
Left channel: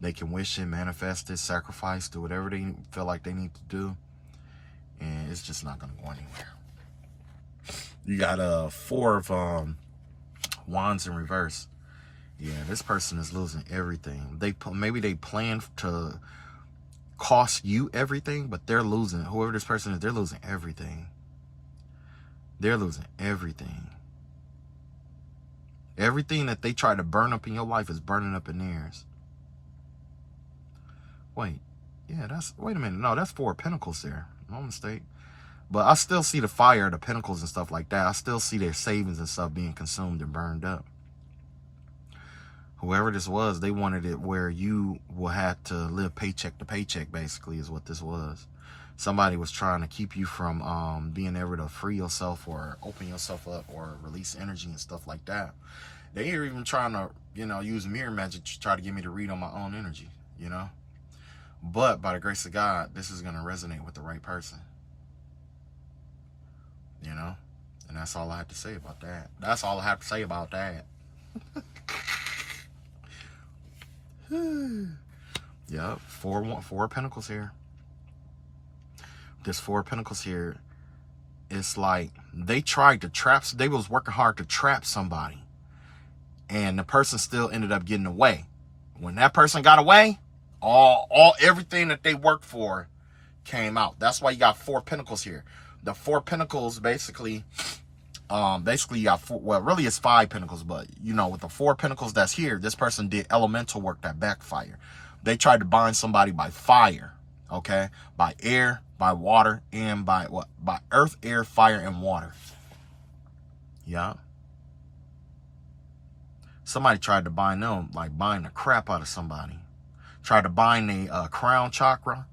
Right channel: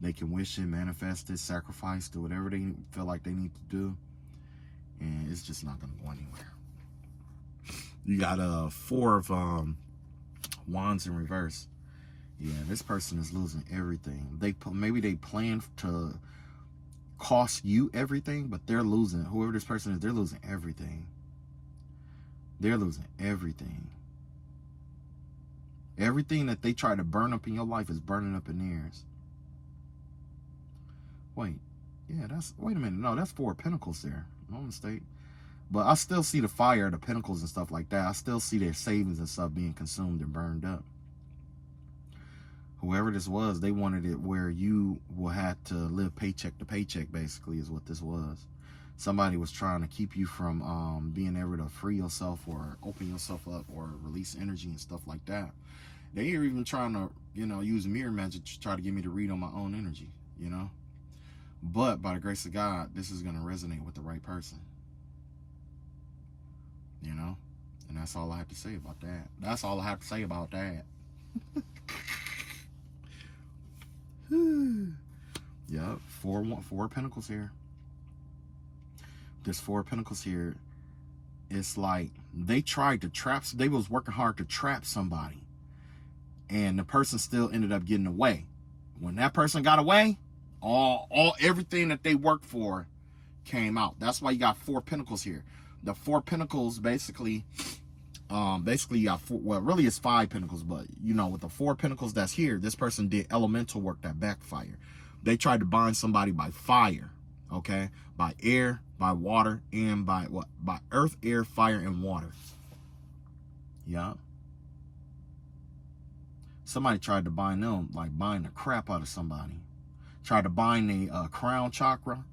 They can wish it, manifest it, sacrifice, do whatever they feel like they need to do, and it's just not going to go anywhere. You got 4 of Wands in reverse. Yeah, this person is losing everything. Maybe they plan to cost you everything, but they're losing. Whoever this person is, they're losing everything. They're losing everything. Everything that they try to burn up in your life is burning up in theirs. Wait, yeah, wait a minute. No, that's 4 of Pentacles there. No mistake. But I still see the fire, the Pentacles and stuff like that. I still see their savings and stuff being consumed and burned up. Whoever this was, they wanted it where you will have to live paycheck to paycheck, basically, is what this was. Somebody was trying to keep you from being able to free yourself or open yourself up or release energy and stuff like that. They are even trying to, use mirror magic to try to get me to read on my own energy, But by the grace of God, this is going to resonate with the right person, And that's all I have to say about that. That's all I have to say about that. Yeah, four of Pentacles here. This Four of Pentacles here. It's like they tried to trap. They was working hard to trap somebody, and the person still ended up getting away. When that person got away, everything that they worked for came out. That's why you got Four of Pentacles here. The Four of Pentacles basically you got four, well, really it's Five Pentacles, but with the Four of Pentacles that's here, this person did elemental work that backfired. They tried to bind somebody by fire, okay, by air, by water, and by what? By earth, air, fire, and water. Yeah. Somebody tried to bind them, like bind the crap out of somebody. Tried to bind the crown chakra.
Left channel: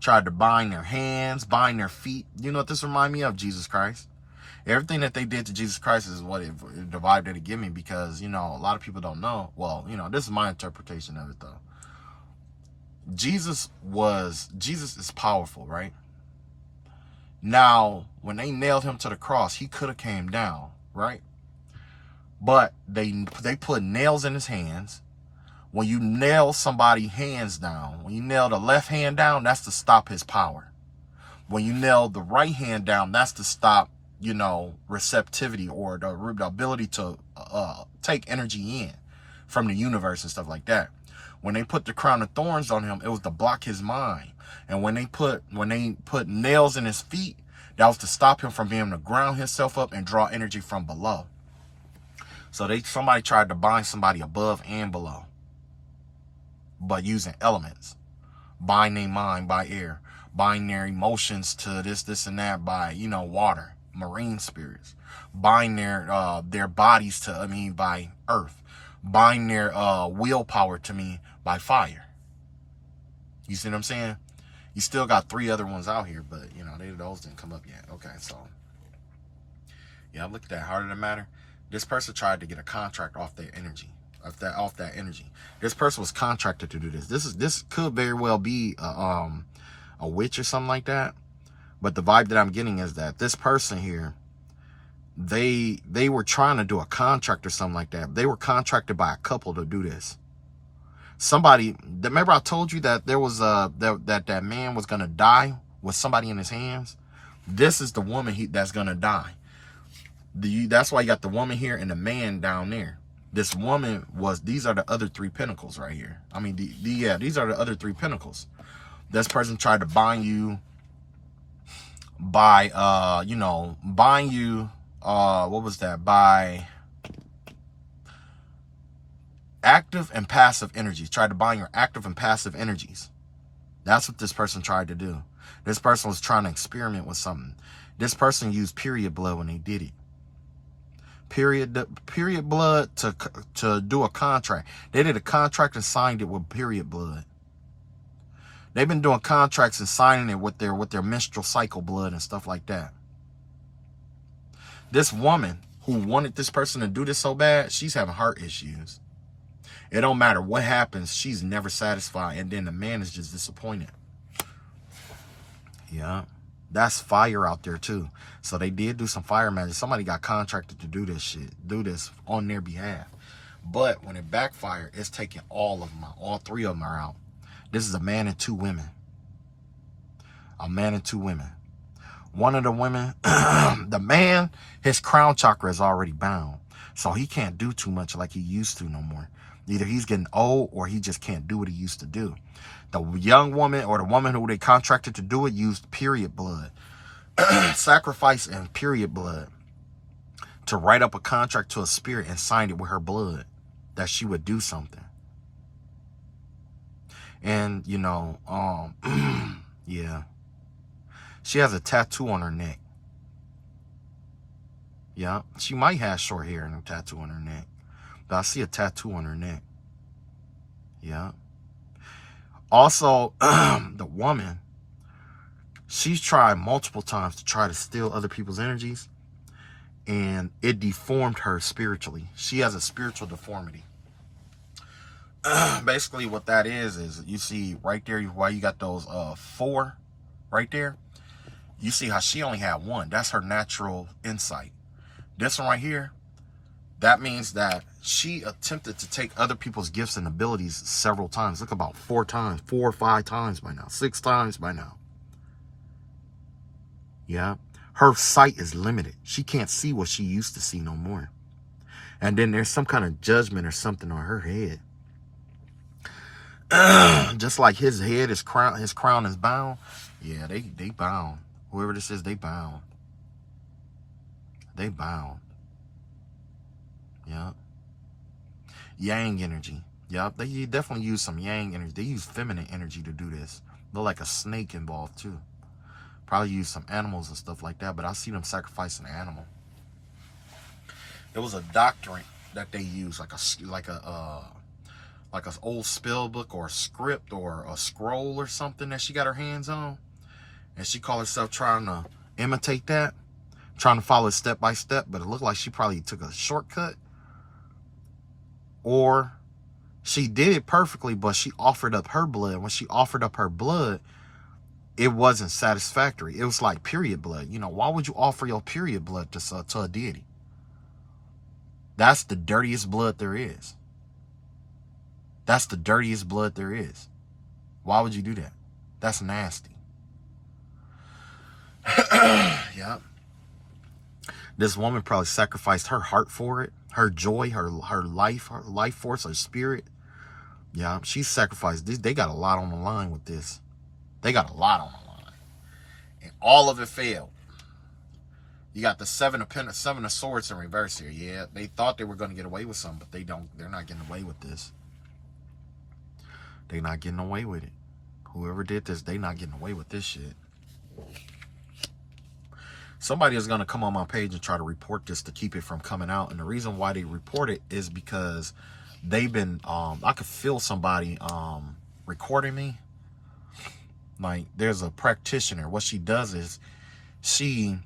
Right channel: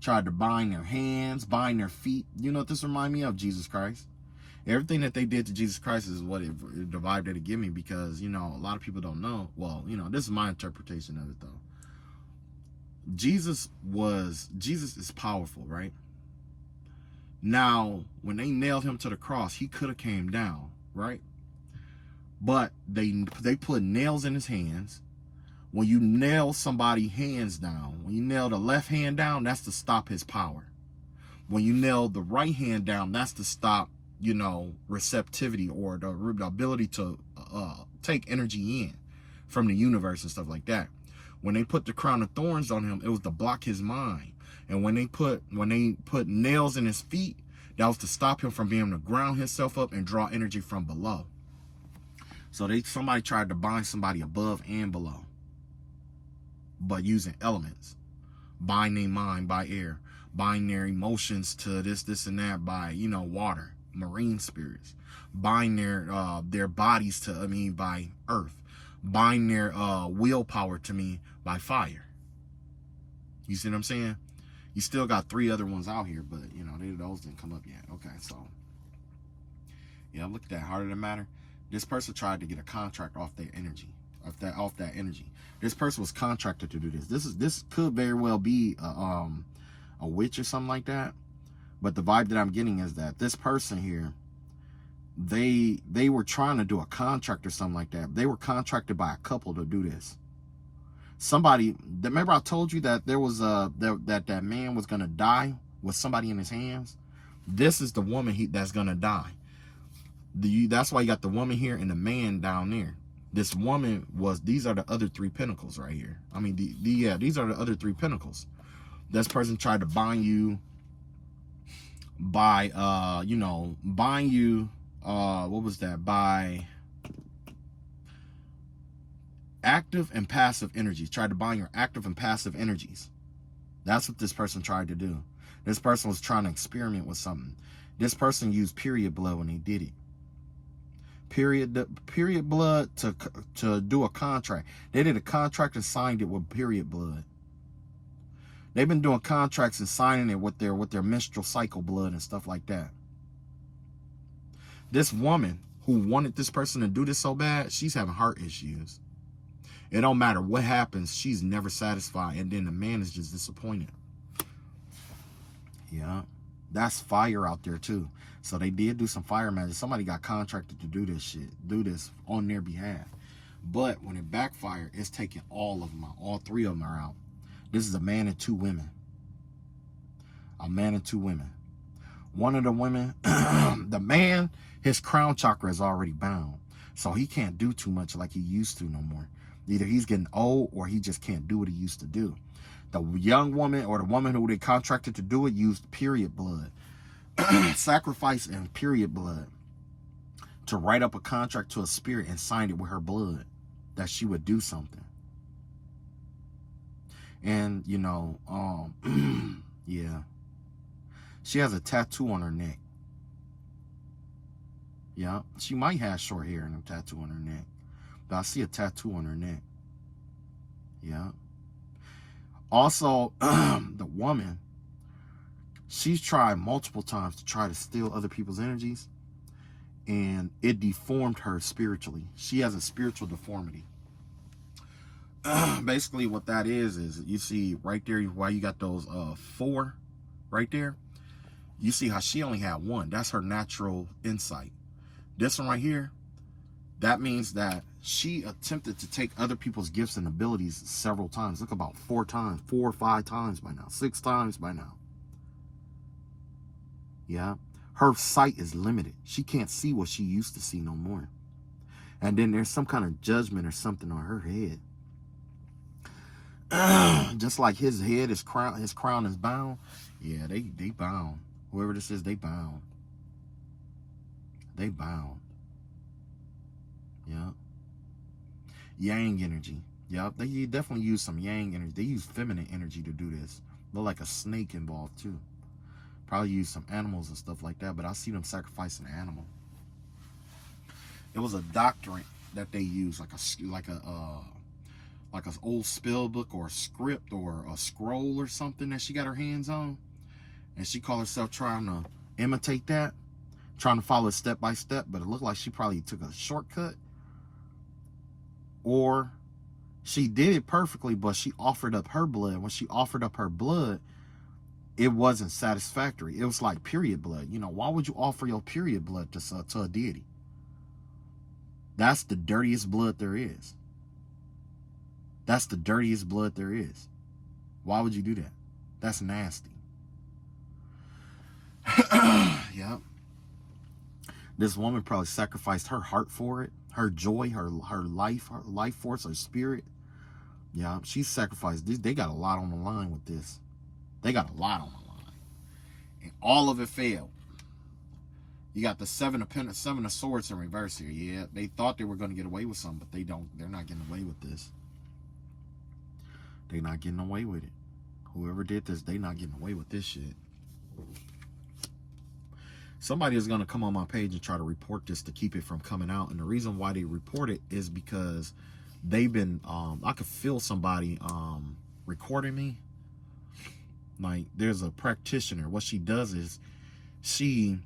Tried to bind their hands, bind their feet. You know what this reminds me of? Jesus Christ. Everything that they did to Jesus Christ is what the vibe that it give me, because, a lot of people don't know. Well, this is my interpretation of it, though. Jesus is powerful, right? Now, when they nailed him to the cross, he could have came down, right? But they put nails in his hands. When you nail somebody's hands down, when you nail the left hand down, that's to stop his power. When you nail the right hand down, that's to stop, receptivity or the ability to take energy in from the universe and stuff like that. When they put the crown of thorns on him, it was to block his mind. And when they put nails in his feet, that was to stop him from being able to ground himself up and draw energy from below. So somebody tried to bind somebody above and below, but using elements. Bind their mind by air. Bind their emotions to this, and that by, water, marine spirits. Bind their bodies to, by earth. Bind their willpower to me by fire. You see what I'm saying? You still got 3 other ones out here, but, those didn't come up yet. Okay, so, yeah, look at that. Heart of the matter. This person tried to get a contract off their energy. Off that energy. This person was contracted to do this. This could very well be a witch or something like that. But the vibe that I'm getting is that this person here, they were trying to do a contract or something like that. They were contracted by a couple to do this. Somebody, remember I told you that there was that man was gonna die with somebody in his hands? This is the woman that's gonna die. That's why you got the woman here and the man down there. This woman these are the other 3 pentacles right here. These are the other 3 pentacles. This person tried to bind you by, what was that? By active and passive energies. Tried to bind your active and passive energies. That's what this person tried to do. This person was trying to experiment with something. This person used period blood when they did it. Period blood to do a contract. They did a contract and signed it with period blood. They've been doing contracts and signing it with their menstrual cycle blood and stuff like that. This woman who wanted this person to do this so bad, she's having heart issues. It don't matter what happens, she's never satisfied, and then the man is just disappointed. Yeah. That's fire out there too. So they did do some fire magic. Somebody got contracted to do this on their behalf. But when it backfired, it's taking all of them out. All 3 of them are out. This is a man and 2 women. A man and 2 women. One of the women, the man, his crown chakra is already bound. So he can't do too much like he used to no more. Either he's getting old or he just can't do what he used to do. The young woman or the woman who they contracted to do it used period blood, sacrifice and period blood to write up a contract to a spirit and sign it with her blood that she would do something. And, yeah. She has a tattoo on her neck. Yeah, she might have short hair and a tattoo on her neck. But I see a tattoo on her neck. Yeah. Also, the woman, She's tried multiple times to try to steal other people's energies, and it deformed her spiritually. She has a spiritual deformity. Basically what that is you see right there why you got those 4 right there. You see how she only had 1. That's her natural insight. This one right here, that means that she attempted to take other people's gifts and abilities several times. Look, about 4 times, 4 or 5 times by now, 6 times by now. Yeah. Her sight is limited. She can't see what she used to see no more. And then there's some kind of judgment or something on her head. Just like his head, his crown is bound. Yeah, they bound. Whoever this is, they bound. They bound. Yeah. Yang energy. Yep. They definitely use some yang energy. They use feminine energy to do this. They're like a snake involved too. Probably use some animals and stuff like that, but I see them sacrifice an animal. There was a doctrine that they use, like an old spell book or a script or a scroll or something that she got her hands on, and she called herself trying to imitate that, trying to follow it step by step, but it looked like she probably took a shortcut, or she did it perfectly, but she offered up her blood. When she offered up her blood, it wasn't satisfactory. It was like period blood. You know, why would you offer your period blood to a deity? That's the dirtiest blood there is. That's the dirtiest blood there is. Why would you do that? That's nasty. Yep. This woman probably sacrificed her heart for it, her joy, her life force, her spirit. Yeah, she sacrificed this. They got a lot on the line with this. They got a lot on the line. And all of it failed. You got the 7 of Swords in reverse here. Yeah, they thought they were going to get away with something, but they don't. They're not getting away with this. They're not getting away with it. Whoever did this, they not getting away with this shit. Somebody is going to come on my page and try to report this to keep it from coming out. And the reason why they report it is because they've been, I could feel somebody recording me. Like, there's a practitioner. What she does is she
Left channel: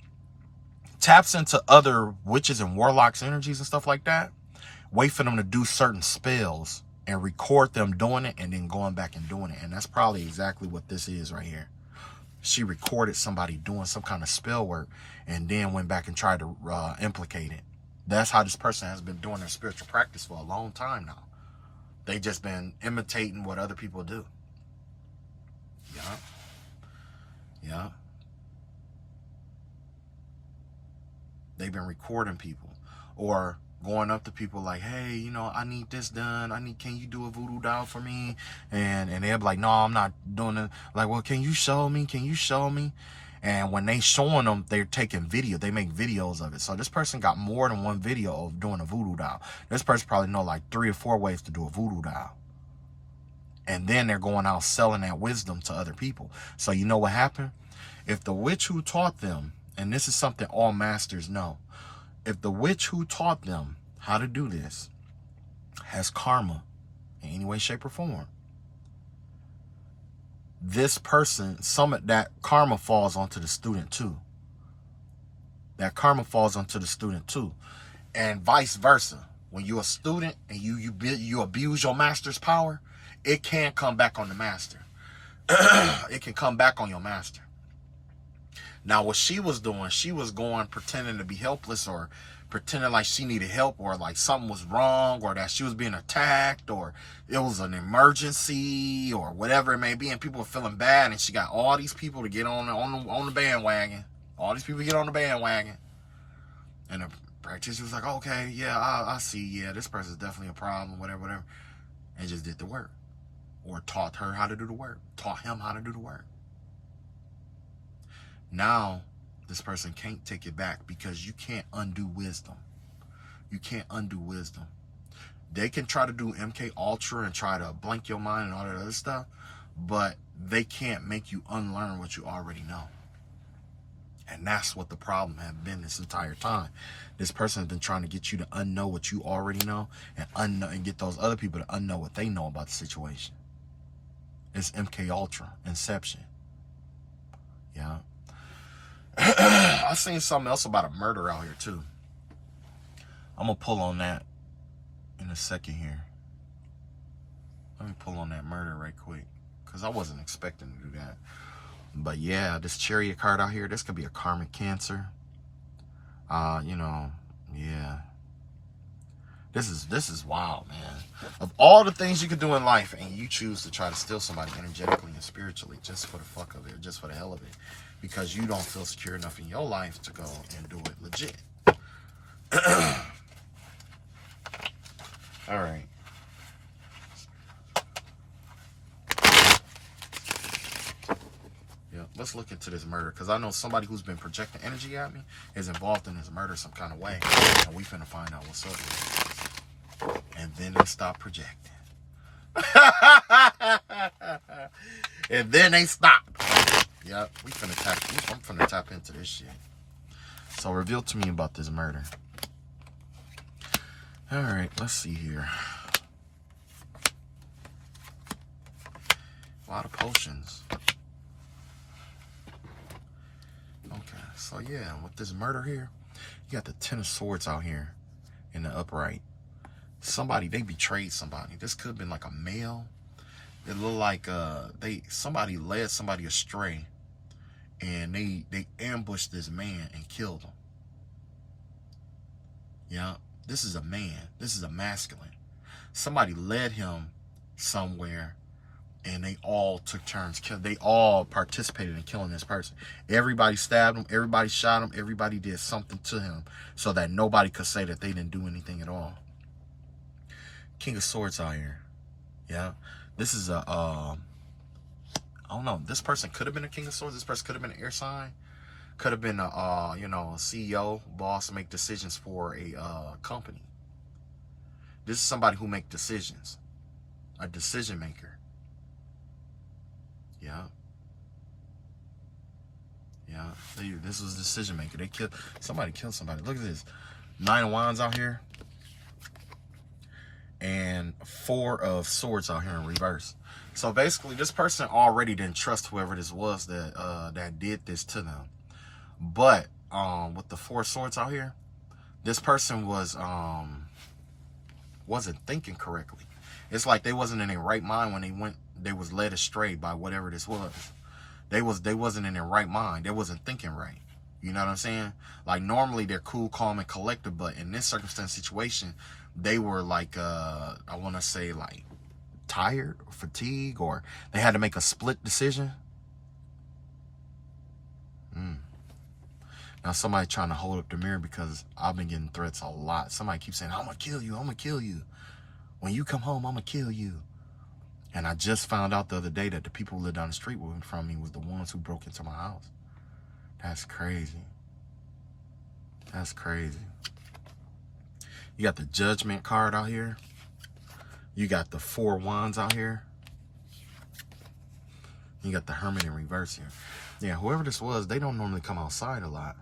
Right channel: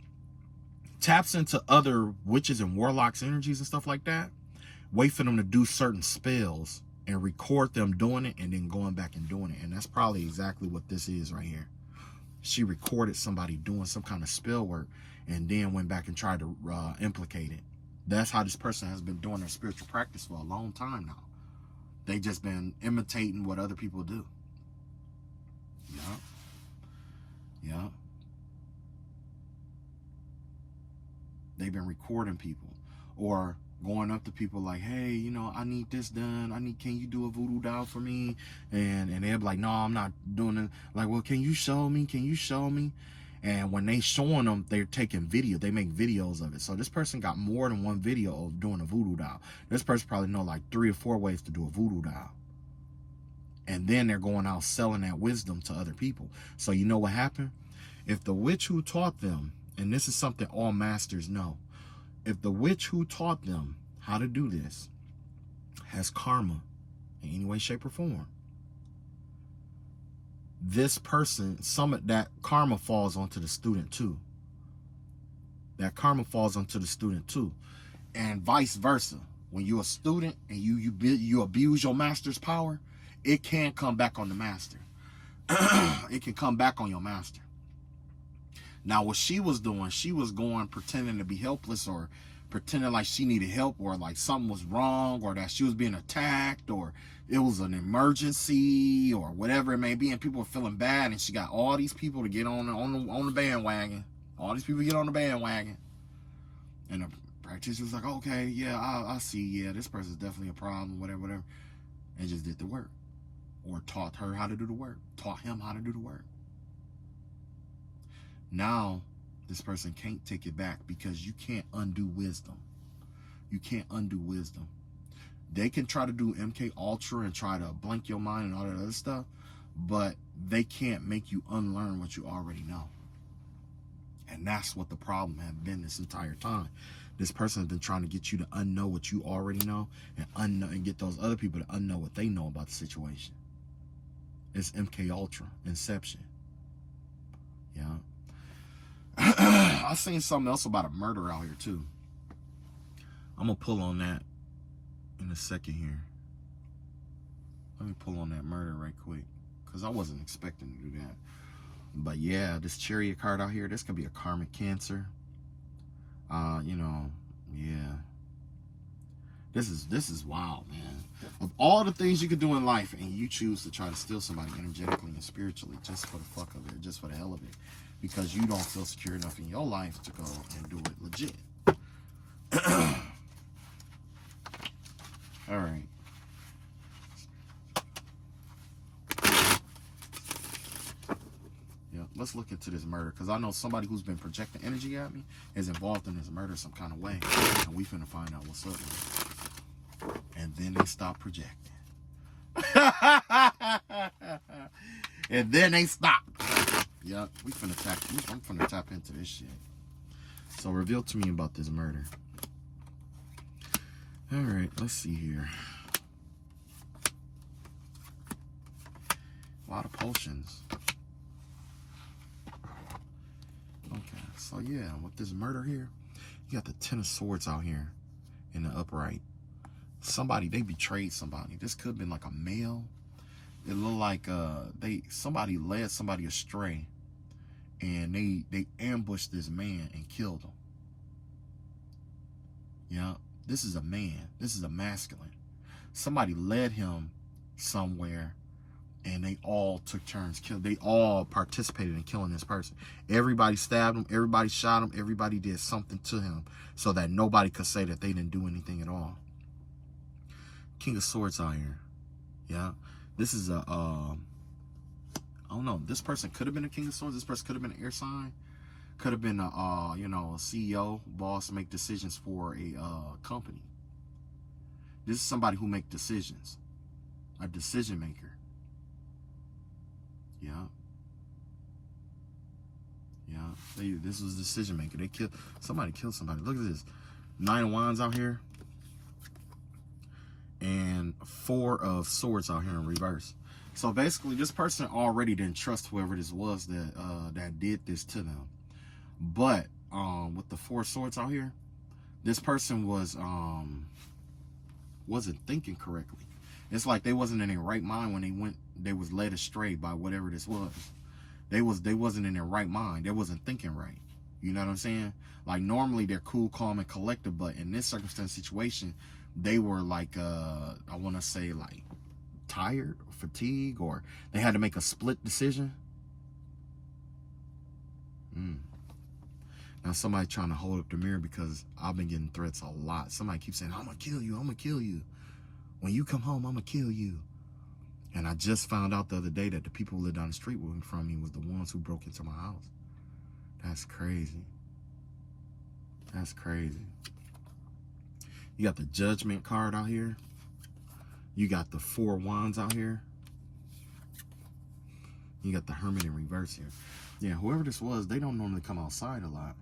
taps into other witches and warlocks energies and stuff like that. Wait for them to do certain spells and record them doing it and then going back and doing it. And that's probably exactly what this is right here. She recorded somebody doing some kind of spell work and then went back and tried to implicate it. That's how this person has been doing their spiritual practice for a long time now. They just been imitating what other people do. Yeah. Yeah. They've been recording people or going up to people like, hey, you know, I need this done. Can you do a voodoo doll for me? And they'll be like, no, I'm not doing it. Like, well, can you show me? Can you show me? And when they showing them, they're taking video. They make videos of it. So this person got more than one video of doing a voodoo doll. This person probably know like 3 or 4 ways to do a voodoo doll. And then they're going out selling that wisdom to other people. So you know what happened? If the witch who taught them, and this is something all masters know, if the witch who taught them how to do this has karma in any way, shape, or form, this person, that karma falls onto the student too. That karma falls onto the student too. And vice versa. When you're a student and you abuse your master's power, it can come back on the master. It can come back on your master. Now, what she was doing, she was going pretending to be helpless or pretending like she needed help or like something was wrong or that she was being attacked or it was an emergency or whatever it may be, and people were feeling bad, and she got all these people to get on the bandwagon. All these people get on the bandwagon. And the practitioner was like, okay, yeah, I see, yeah, this person's definitely a problem, whatever. And just did the work. Or taught her how to do the work. Taught him how to do the work. Now, this person can't take it back because you can't undo wisdom. You can't undo wisdom. They can try to do MK Ultra and try to blank your mind and all that other stuff, but they can't make you unlearn what you already know. And that's what the problem has been this entire time. This person has been trying to get you to unknow what you already know and get those other people to unknow what they know about the situation. It's MK Ultra, Inception. Yeah. I seen something else about a murder out here too. I'm gonna pull on that in a second here. Let me pull on that murder right quick, because I wasn't expecting to do that. But yeah, this chariot card out here, this could be a karmic cancer. You know, yeah. This is wild, man. Of all the things you could do in life, and you choose to try to steal somebody energetically and spiritually just for the fuck of it, just for the hell of it, because you don't feel secure enough in your life to go and do it legit. All right. Yeah, let's look into this murder, because I know somebody who's been projecting energy at me is involved in this murder some kind of way, and we finna find out what's up with it. And then they stop projecting. And then they stop. Yep, I'm finna tap into this shit. So reveal to me about this murder. All right, let's see here. A lot of potions. Okay, so yeah, with this murder here, you got the 10 of swords out here in the upright. Somebody, they betrayed somebody. This could have been like a male. It looked like somebody led somebody astray, and they ambushed this man and killed him. Yeah, this is a man. This is a masculine. Somebody led him somewhere, and they all took turns. They all participated in killing this person. Everybody stabbed him. Everybody shot him. Everybody did something to him so that nobody could say that they didn't do anything at all. King of Swords out here. Yeah. This is a, I don't know. This person could have been a King of Swords. This person could have been an air sign. Could have been a, you know, a CEO, boss, make decisions for a company. This is somebody who make decisions. A decision maker. Yeah. Yeah. This was a decision maker. Somebody killed somebody. Look at this. 9 of Wands out here. And 4 of Swords out here in reverse. So basically, this person already didn't trust whoever this was that did this to them. But with the 4 swords out here, this person wasn't thinking correctly. It's like they wasn't in their right mind when they was led astray by whatever this was. They wasn't in their right mind. They wasn't thinking right. You know what I'm saying? Like normally they're cool, calm, and collected, but in this circumstance situation, they were like I want to say like tired, or fatigued, or they had to make a split decision. Now somebody trying to hold up the mirror, because I've been getting threats a lot. Somebody keeps saying, I'm gonna kill you, I'm gonna kill you. When you come home, I'm gonna kill you. And I just found out the other day that the people who lived down the street from me was the ones who broke into my house. That's crazy. That's crazy. You got the Judgment card out here. You got the 4 Wands out here. You got the Hermit in reverse here. Yeah, whoever this was, they don't normally come outside a lot.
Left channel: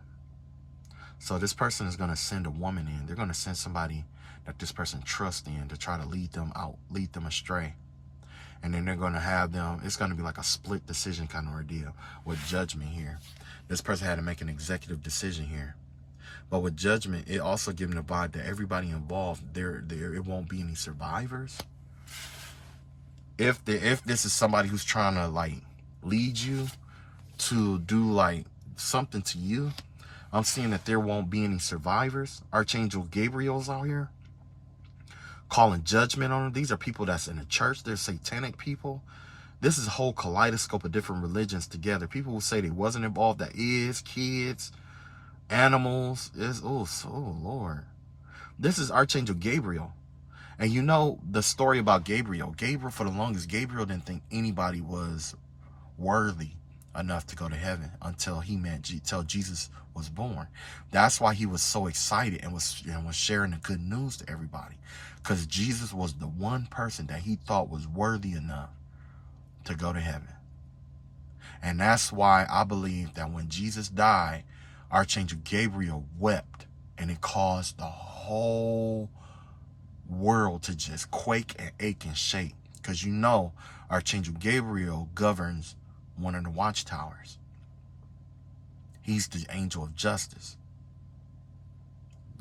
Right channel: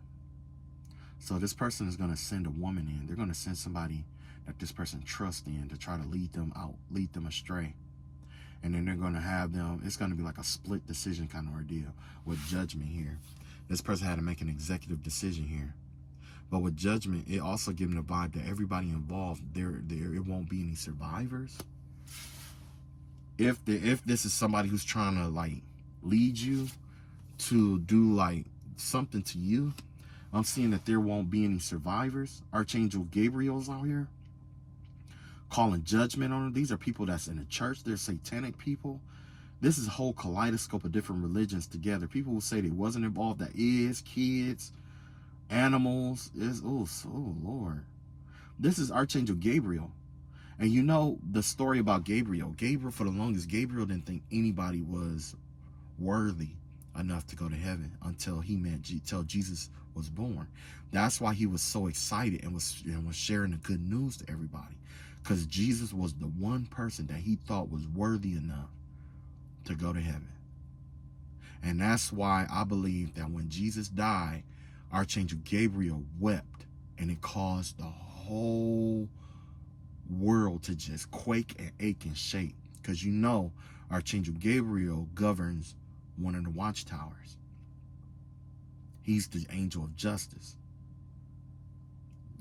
So this person is going to send a woman in. They're going to send somebody that this person trusts in to try to lead them out, lead them astray. And then they're going to have them, it's going to be like a split decision kind of ordeal with Judgment here. This person had to make an executive decision here. But with Judgment, it also gives them the vibe that everybody involved, it won't be any survivors. If this is somebody who's trying to like lead you to do like something to you, I'm seeing that there won't be any survivors. Archangel Gabriel's out here calling judgment on them. These are people that's in the church. They're satanic people. This is a whole kaleidoscope of different religions together. People who say they wasn't involved, that is, kids, animals, oh Lord. This is Archangel Gabriel. And you know the story about Gabriel. Gabriel, for the longest, Gabriel didn't think anybody was worthy enough to go to heaven until Jesus was born. That's why he was so excited and was sharing the good news to everybody, because Jesus was the one person that he thought was worthy enough to go to heaven. And that's why I believe that when Jesus died, Archangel Gabriel wept, and it caused the whole world to just quake and ache and shake, because you know Archangel Gabriel governs one of the watchtowers. He's the angel of justice.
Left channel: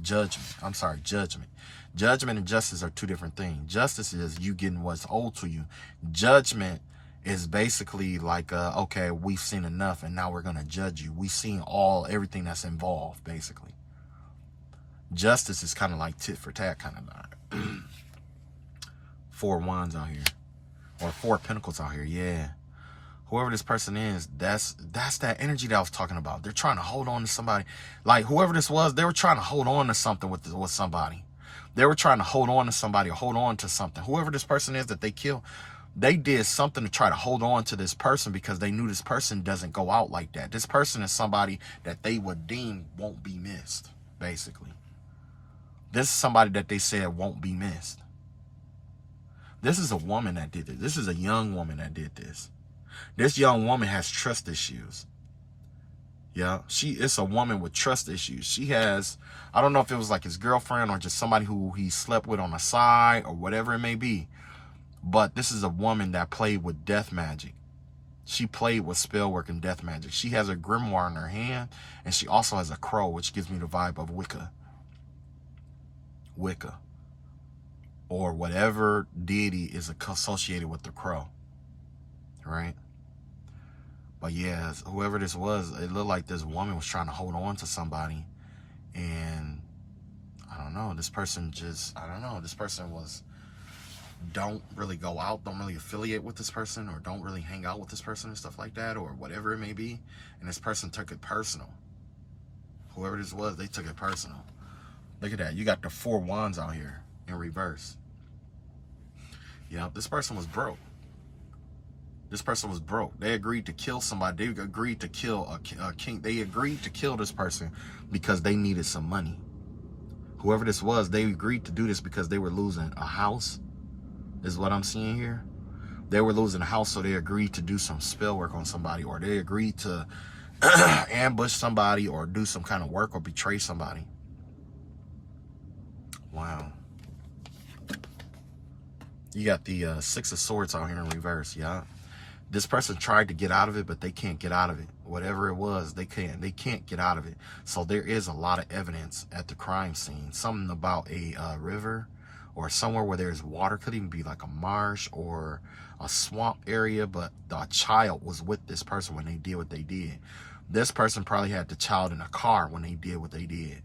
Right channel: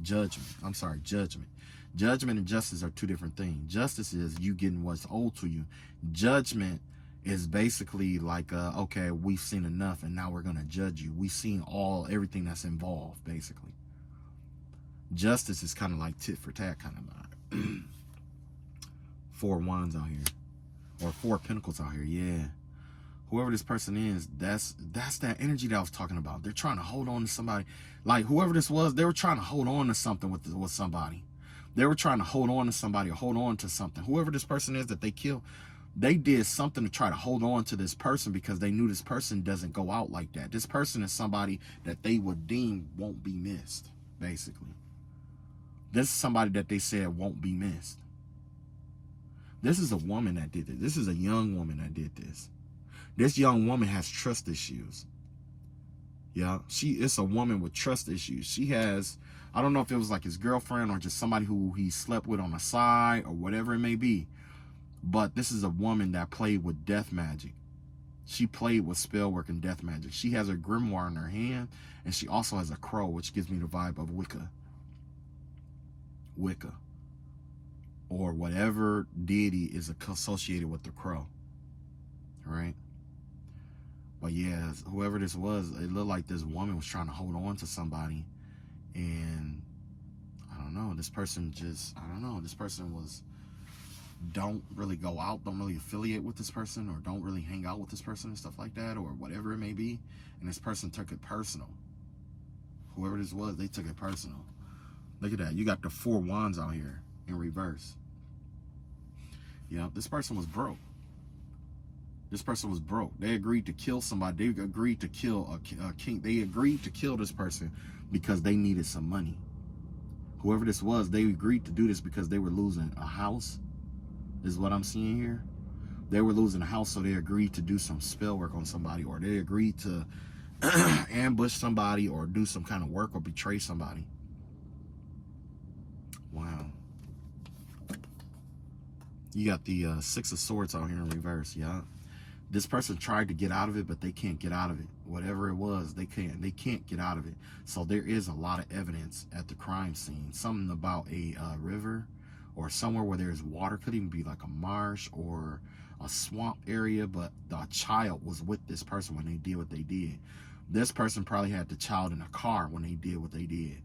Judgment. Judgment and justice are two different things. Justice is you getting what's owed to you. Judgment is basically like, okay, we've seen enough and now we're going to judge you. We've seen everything that's involved, basically. Justice is kind of like tit for tat kind of vibe. 4 wands out here. Or 4 pentacles out here, yeah. Whoever this person is, that's that energy that I was talking about. They're trying to hold on to somebody. Like whoever this was, they were trying to hold on to something with somebody. They were trying to hold on to somebody or hold on to something. Whoever this person is that they killed, they did something to try to hold on to this person because they knew this person doesn't go out like that. This person is somebody that they would deem won't be missed, basically. This is somebody that they said won't be missed. This is a woman that did this. This is a young woman that did this. This young woman has trust issues. Yeah, it's a woman with trust issues. She has, I don't know if it was like his girlfriend or just somebody who he slept with on the side or whatever it may be. But this is a woman that played with death magic. She played with spell work and death magic. She has a grimoire in her hand, and she also has a crow, which gives me the vibe of Wicca. Wicca. Or whatever deity is associated with the crow. Right? But yeah, whoever this was, it looked like this woman was trying to hold on to somebody. And I don't know, this person don't really go out, don't really affiliate with this person, or don't really hang out with this person and stuff like that, or whatever it may be. And this person took it personal. Whoever this was, they took it personal. Look at that. You got the 4 wands out here in reverse. Yeah, this person was broke. This person was broke. They agreed to kill somebody. They agreed to kill a king. They agreed to kill this person because they needed some money. Whoever this was, they agreed to do this because they were losing a house. Is what I'm seeing here. They were losing a house, so they agreed to do some spell work on somebody, or they agreed to ambush somebody or do some kind of work or betray somebody. Wow. You got the 6 of Swords out here in reverse, yeah. This person tried to get out of it, but they can't get out of it. Whatever it was, they can't get out of it. So there is a lot of evidence at the crime scene. Something about a river or somewhere where there's water. Could even be like a marsh or a swamp area, but the child was with this person when they did what they did. This person probably had the child in a car when they did what they did.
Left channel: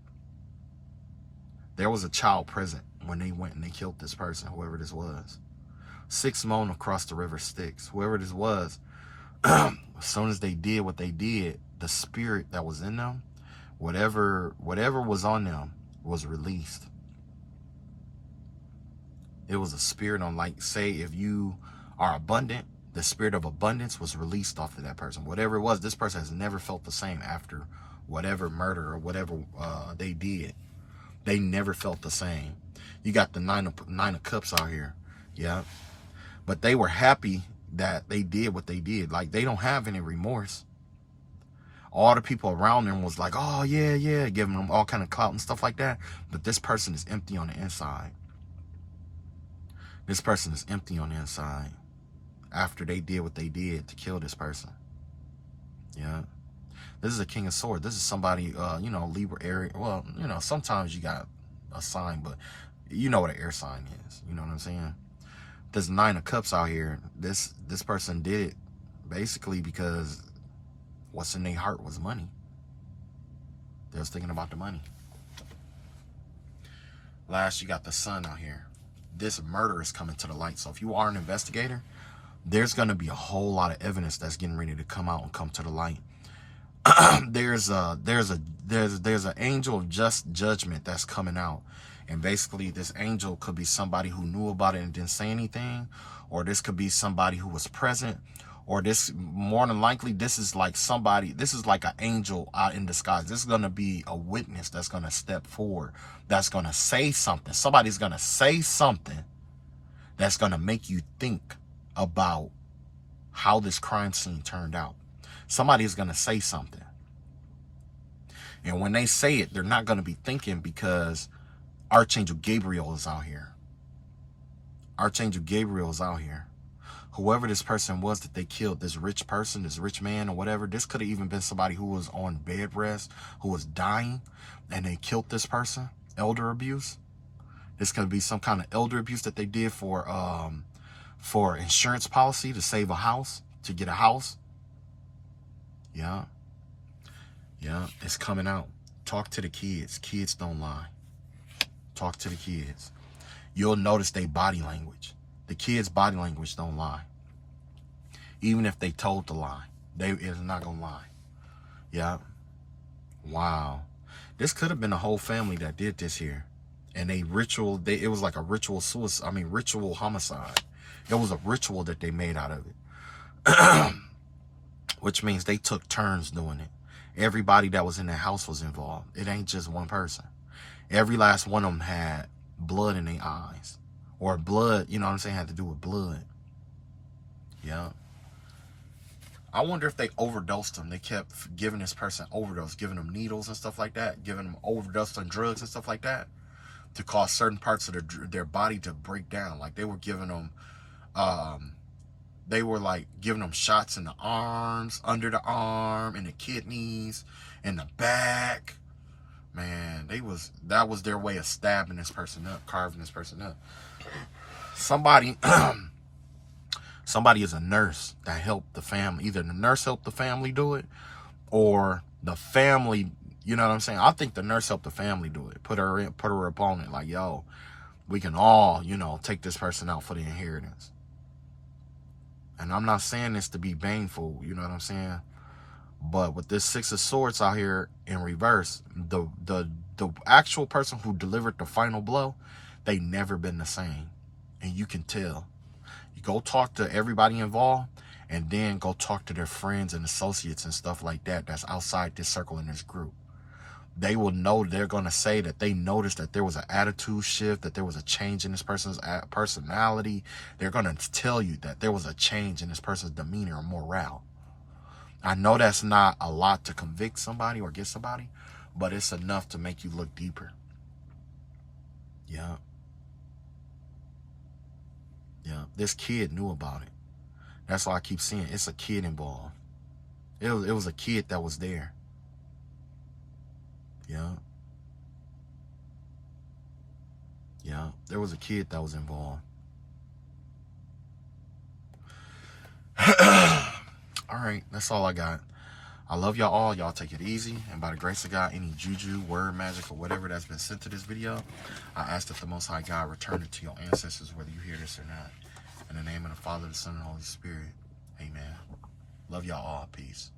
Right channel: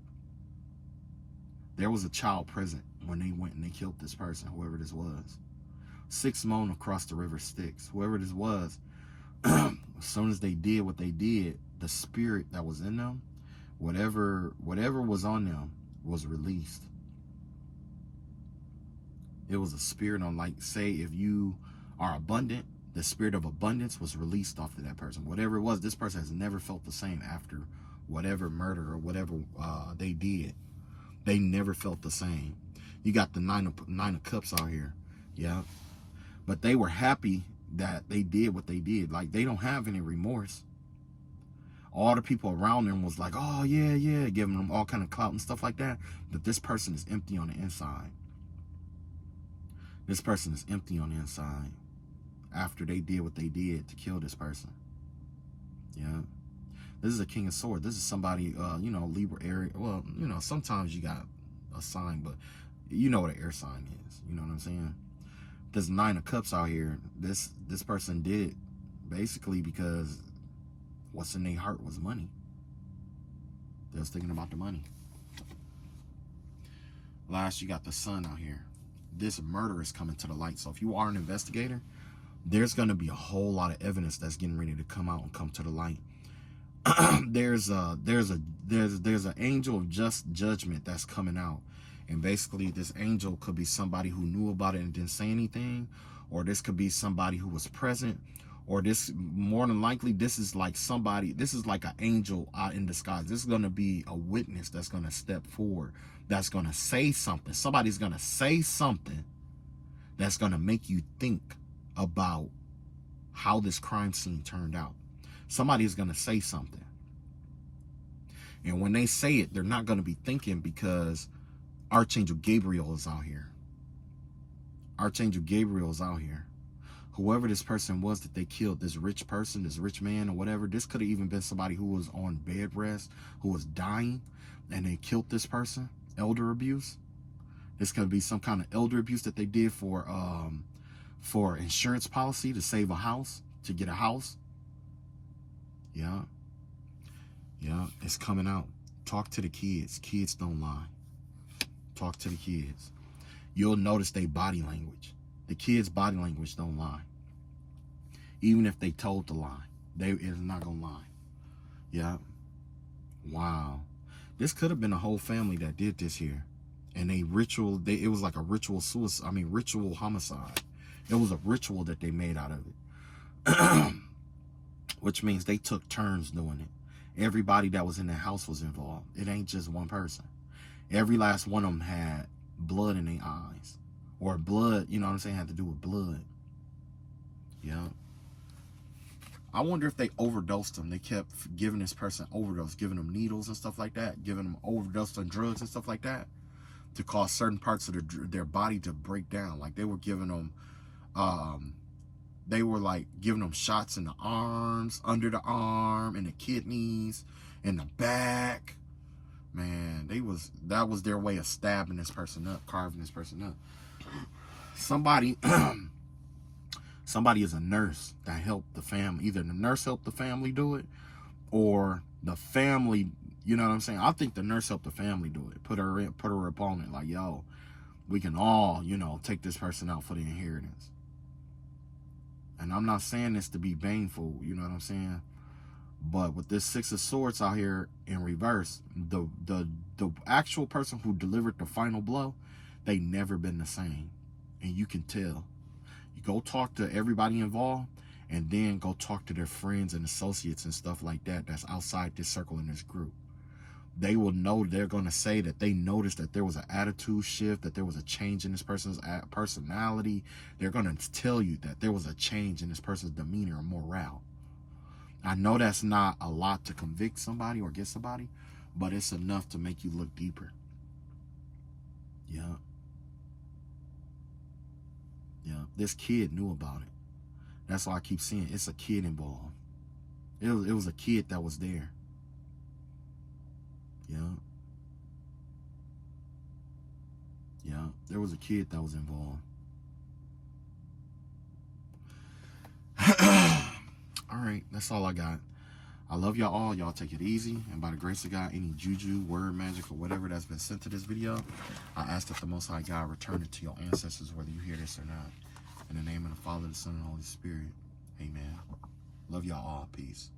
There was a child present when they went and they killed this person, whoever this was. 6 moan across the river Styx. Whoever this was, as soon as they did what they did, the spirit that was in them, whatever was on them, was released. It was a spirit on, like, say, if you are abundant, the spirit of abundance was released off of that person. Whatever it was, this person has never felt the same after whatever murder or whatever they did. They never felt the same. You got the 9 of Cups out here. Yeah. But they were happy that they did what they did. Like, they don't have any remorse. All the people around them was like, oh, yeah, yeah, giving them all kind of clout and stuff like that. But this person is empty on the inside. This person is empty on the inside after they did what they did to kill this person. Yeah. This is a King of Swords. This is somebody, you know, Libra area. Well, you know, sometimes you got a sign, but you know what an air sign is. You know what I'm saying? There's 9 of Cups out here. This person did it basically because what's in their heart was money. They was thinking about the money. Last, you got the Sun out here. This murder is coming to the light. So if you are an investigator, there's going to be a whole lot of evidence that's getting ready to come out and come to the light. There's an angel of just judgment that's coming out. And basically, this angel could be somebody who knew about it and didn't say anything, or this could be somebody who was present, or this, more than likely, this is like somebody, this is like an angel out in disguise. This is going to be a witness that's going to step forward, that's going to say something. Somebody's going to say something that's going to make you think about how this crime scene turned out. Somebody's going to say something. And when they say it, they're not going to be thinking, because Archangel Gabriel is out here. Archangel Gabriel is out here. whoever this person was that they killed, this rich person, this rich man or whatever, this could have even been somebody who was on bed rest, who was dying, and they killed this person. Elder abuse. This could be some kind of elder abuse that they did for insurance policy to save a house, to get a house. Yeah. Yeah, it's coming out. Talk to the kids. Kids don't lie. Talk to the kids. You'll notice their body language. The kids' body language don't lie. Even if they told to lie, it's not gonna lie. Yeah. Wow. This could have been a whole family that did this here. And it was like a ritual suicide. I mean, ritual homicide. It was a ritual that they made out of it. Which means they took turns doing it. Everybody that was in the house was involved. It ain't just one person. Every last one of them had blood in their eyes. Or blood, you know what I'm saying, had to do with blood. Yeah. I wonder if they overdosed them. They kept giving this person overdose, giving them needles and stuff like that, giving them overdose on drugs and stuff like that to cause certain parts of their body to break down. Like they were giving them, giving them shots in the arms, under the arm, in the kidneys, in the back. Man, that was their way of stabbing this person up, carving this person up. Somebody is a nurse that helped the family. Either the nurse helped the family do it, or the family, you know what I'm saying? I think the nurse helped the family do it. Put her opponent, like, yo, we can all, take this person out for the inheritance. And I'm not saying this to be baneful, you know what I'm saying? But with this Six of Swords out here in reverse, the actual person who delivered the final blow, they never been the same. And you can tell. You go talk to everybody involved, and then go talk to their friends and associates and stuff like that that's outside this circle in this group. They will know, they're going to say that they noticed that there was an attitude shift, that there was a change in this person's personality. They're going to tell you that there was a change in this person's demeanor or morale. I know that's not a lot to convict somebody or get somebody, but it's enough to make you look deeper. Yeah. Yeah. This kid knew about it. That's why I keep seeing it's a kid involved. It was a kid that was there. Yeah. Yeah. There was a kid that was involved. All right. That's all I got. I love y'all all. Y'all take it easy. And by the grace of God, any juju, word, magic, or whatever that's been sent to this video, I ask that the Most High God return it to your ancestors, whether you hear this or not. In the name of the Father, the Son, and the Holy Spirit. Amen. Love y'all all. Peace.